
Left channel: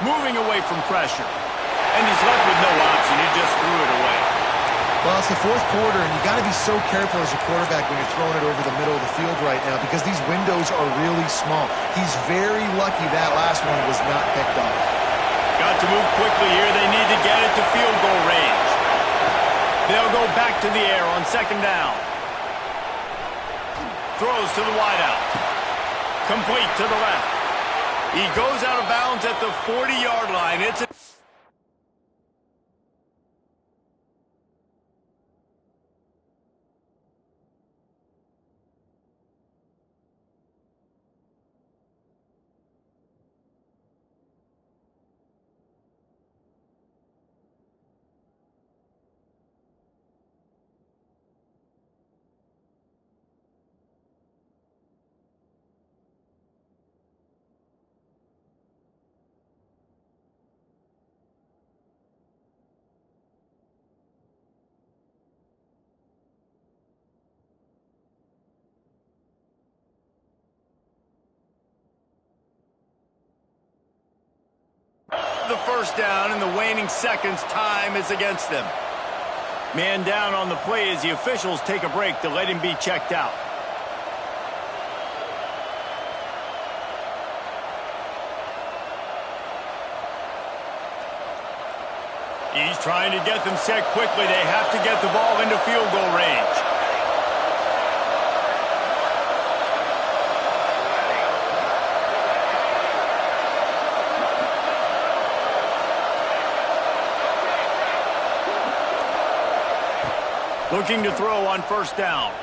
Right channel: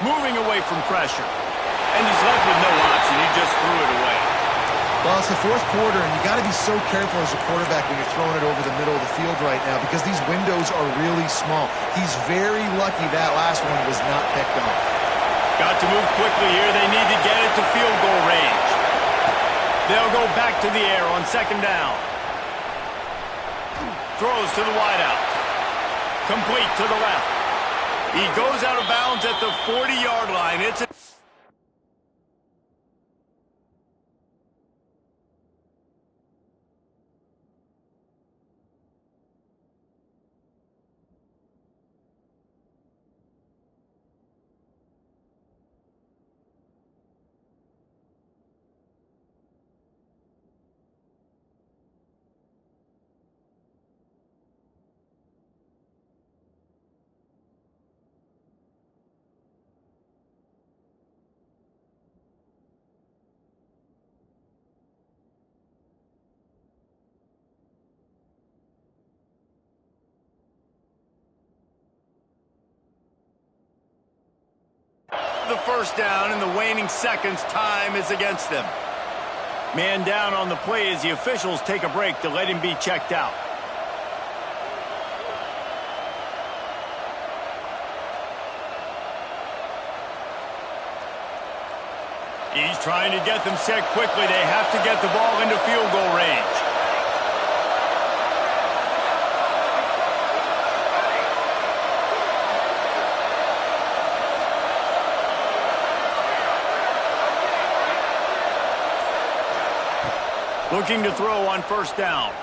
Moving away from pressure. And he's left with no option. He just threw it away. Well, it's the 4th quarter, and you got to be so careful as a quarterback when you're throwing it over the middle of the field right now because these windows are really small. He's very lucky that last one was not picked off. Got to move quickly here. They need to get it to field goal range. They'll go back to the air on 2nd down. Throws to the wideout. Complete to the left. He goes out of bounds at the 40-yard line. It's a the 1st down in the waning seconds. Time is against them. Man down on the play as the officials take a break to let him be checked out. He's trying to get them set quickly. They have to get the ball into field goal range. Looking to throw on 1st down.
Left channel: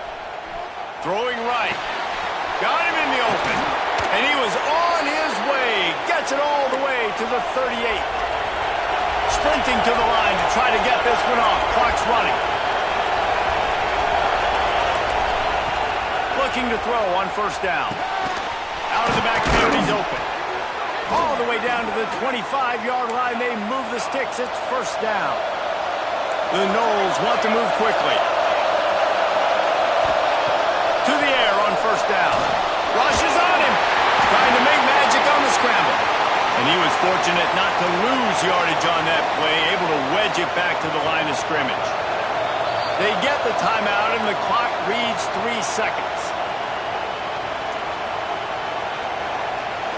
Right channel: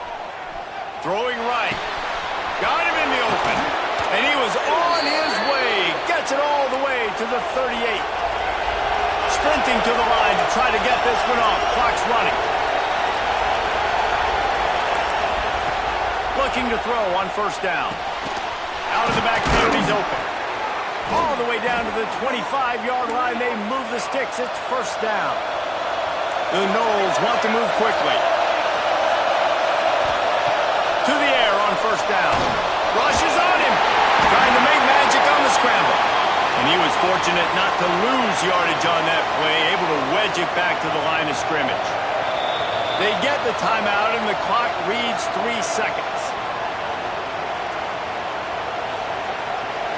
Throwing right. Got him in the open. And he was on his way. Gets it all the way to the 38. Sprinting to the line to try to get this one off. Clock's running. Looking to throw on 1st down. Out of the backfield, he's open. All the way down to the 25-yard line. They move the sticks. It's 1st down. The Noles want to move quickly. To the air on 1st down. Rushes on him. Trying to make magic on the scramble. And he was fortunate not to lose yardage on that play, able to wedge it back to the line of scrimmage. They get the timeout, and the clock reads 3 seconds.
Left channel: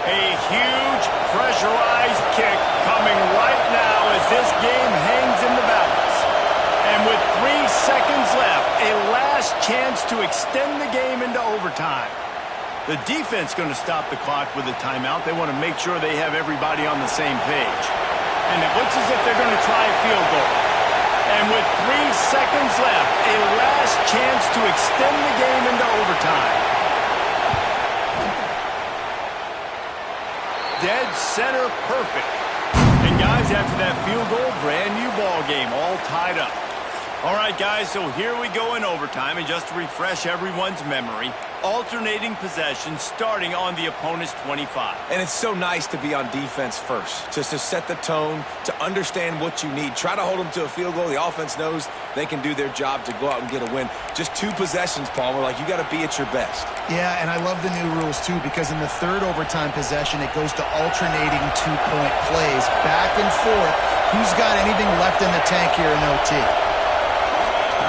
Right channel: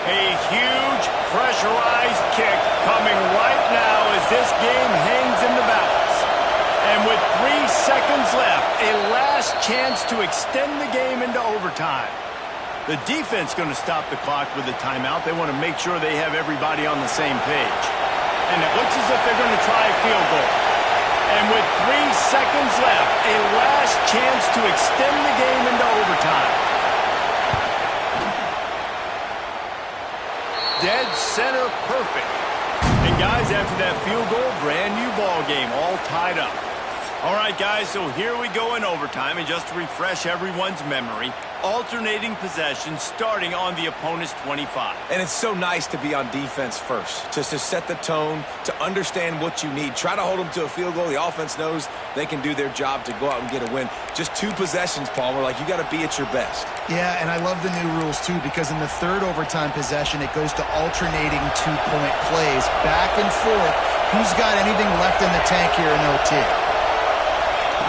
A huge pressurized kick coming right now as this game hangs in the balance. And with 3 seconds left, a last chance to extend the game into overtime. The defense going to stop the clock with a timeout. They want to make sure they have everybody on the same page. And it looks as if they're going to try a field goal. And with 3 seconds left, a last chance to extend the game into overtime. Dead center perfect. And guys, after that field goal, brand new ball game, all tied up. All right, guys, so here we go in overtime, and just to refresh everyone's memory, alternating possession starting on the opponent's 25. And it's so nice to be on defense first, just to set the tone, to understand what you need. Try to hold them to a field goal. The offense knows they can do their job to go out and get a win. Just 2 possessions, Palmer, like you got to be at your best. Yeah, and I love the new rules, too, because in the 3rd overtime possession, it goes to alternating 2-point plays, back and forth. Who's got anything left in the tank here in OT?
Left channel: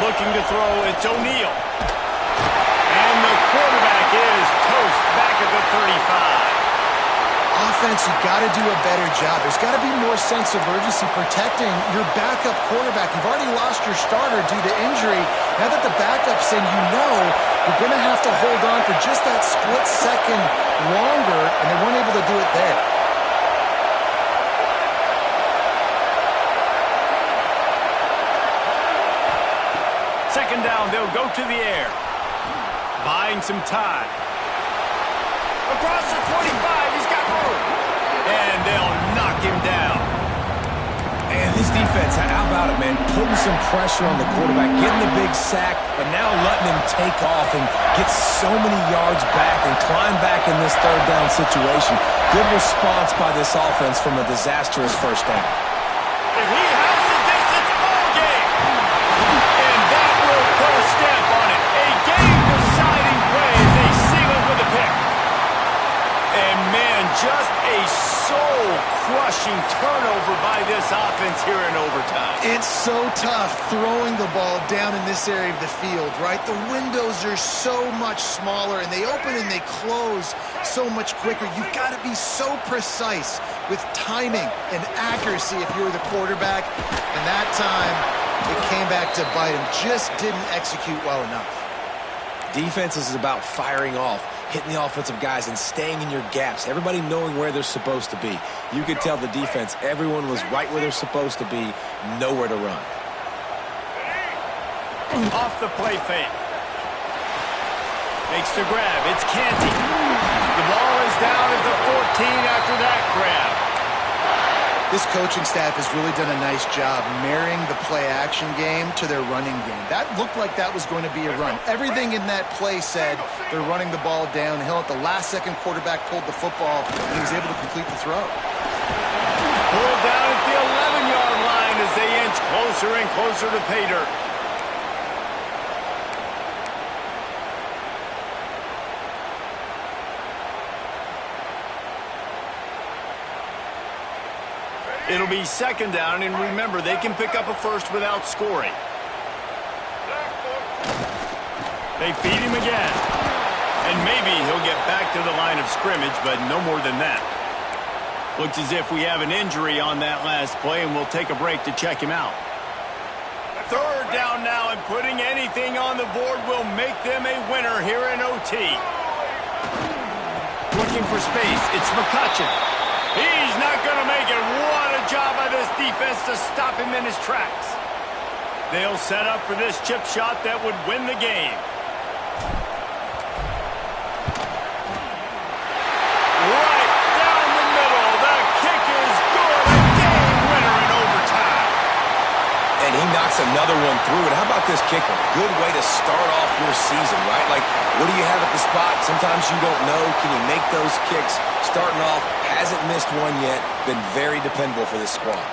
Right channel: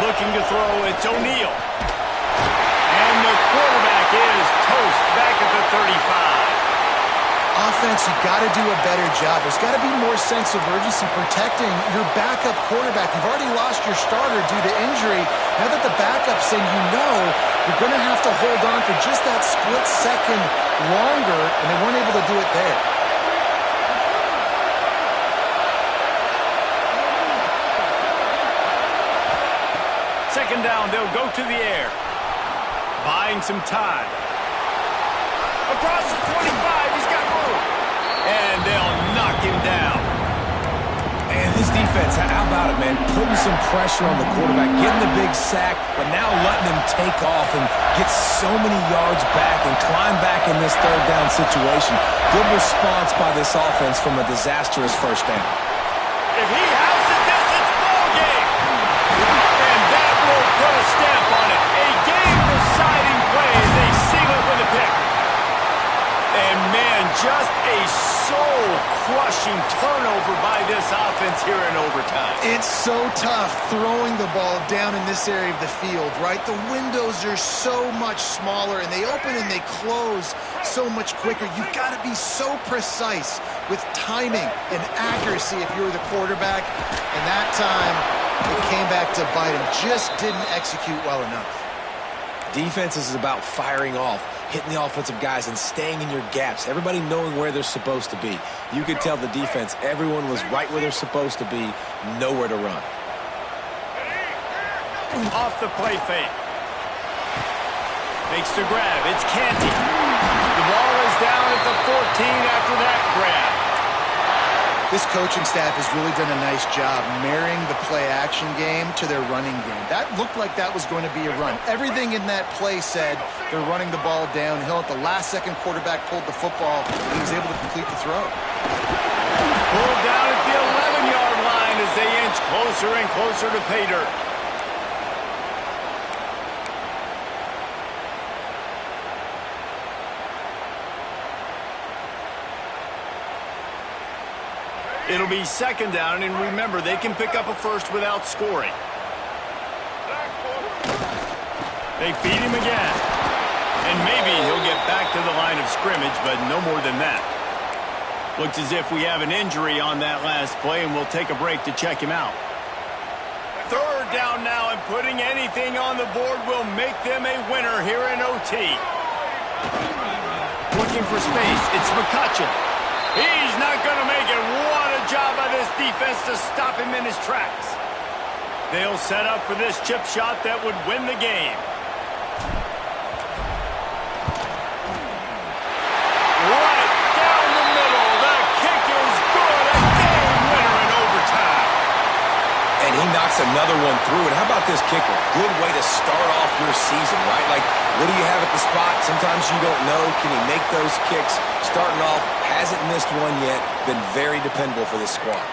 Looking to throw, it's O'Neal. And the quarterback is toast back at the 35. Offense, you got to do a better job. There's got to be more sense of urgency protecting your backup quarterback. You've already lost your starter due to injury. Now that the backup's in, you know you're going to have to hold on for just that split second longer, and they weren't able to do it there. Second down, they'll go to the air. Buying some time. Across the 25, he's got room. And they'll knock him down. And this defense, how about it, man? Putting some pressure on the quarterback, getting the big sack, but now letting him take off and get so many yards back and climb back in this third down situation. Good response by this offense from a disastrous first down. If he houses this, it's ball game. And that will put a stamp on it. A game-deciding play as they seal it with a pick. And, man, just a soul-crushing turnover by this offense here in overtime. It's so tough throwing the ball down in this area of the field, right? The windows are so much smaller, and they open and they close so much quicker. You've got to be so precise with timing and accuracy if you were the quarterback. And that time, it came back to bite him. Just didn't execute well enough. Defense is about firing off, hitting the offensive guys, and staying in your gaps. Everybody knowing where they're supposed to be. You could tell the defense, everyone was right where they're supposed to be, nowhere to run. Off the play fake. Makes the grab. It's Canty. The ball is down at the 14 after that grab. This coaching staff has really done a nice job marrying the play-action game to their running game. That looked like that was going to be a run. Everything in that play said they're running the ball downhill. At the last second, quarterback pulled the football, and he was able to complete the throw. Pulled down at the 11-yard line as they inch closer and closer to pay dirt. It'll be second down, and remember, they can pick up a first without scoring. They feed him again. And maybe he'll get back to the line of scrimmage, but no more than that. Looks as if we have an injury on that last play, and we'll take a break to check him out. Third down now, and putting anything on the board will make them a winner here in OT. Looking for space. It's McCutcheon. He's not going to make it. What a job by this defense to stop him in his tracks. They'll set up for this chip shot that would win the game. Right down the middle. The kick is good. A game winner in overtime. And he knocks another one through. And how about this kicker? Good way to start off your season, right? Like, what do you have at the spot? Sometimes you don't know. Can he make those kicks? Starting off, hasn't missed one yet. Been very dependable for this squad.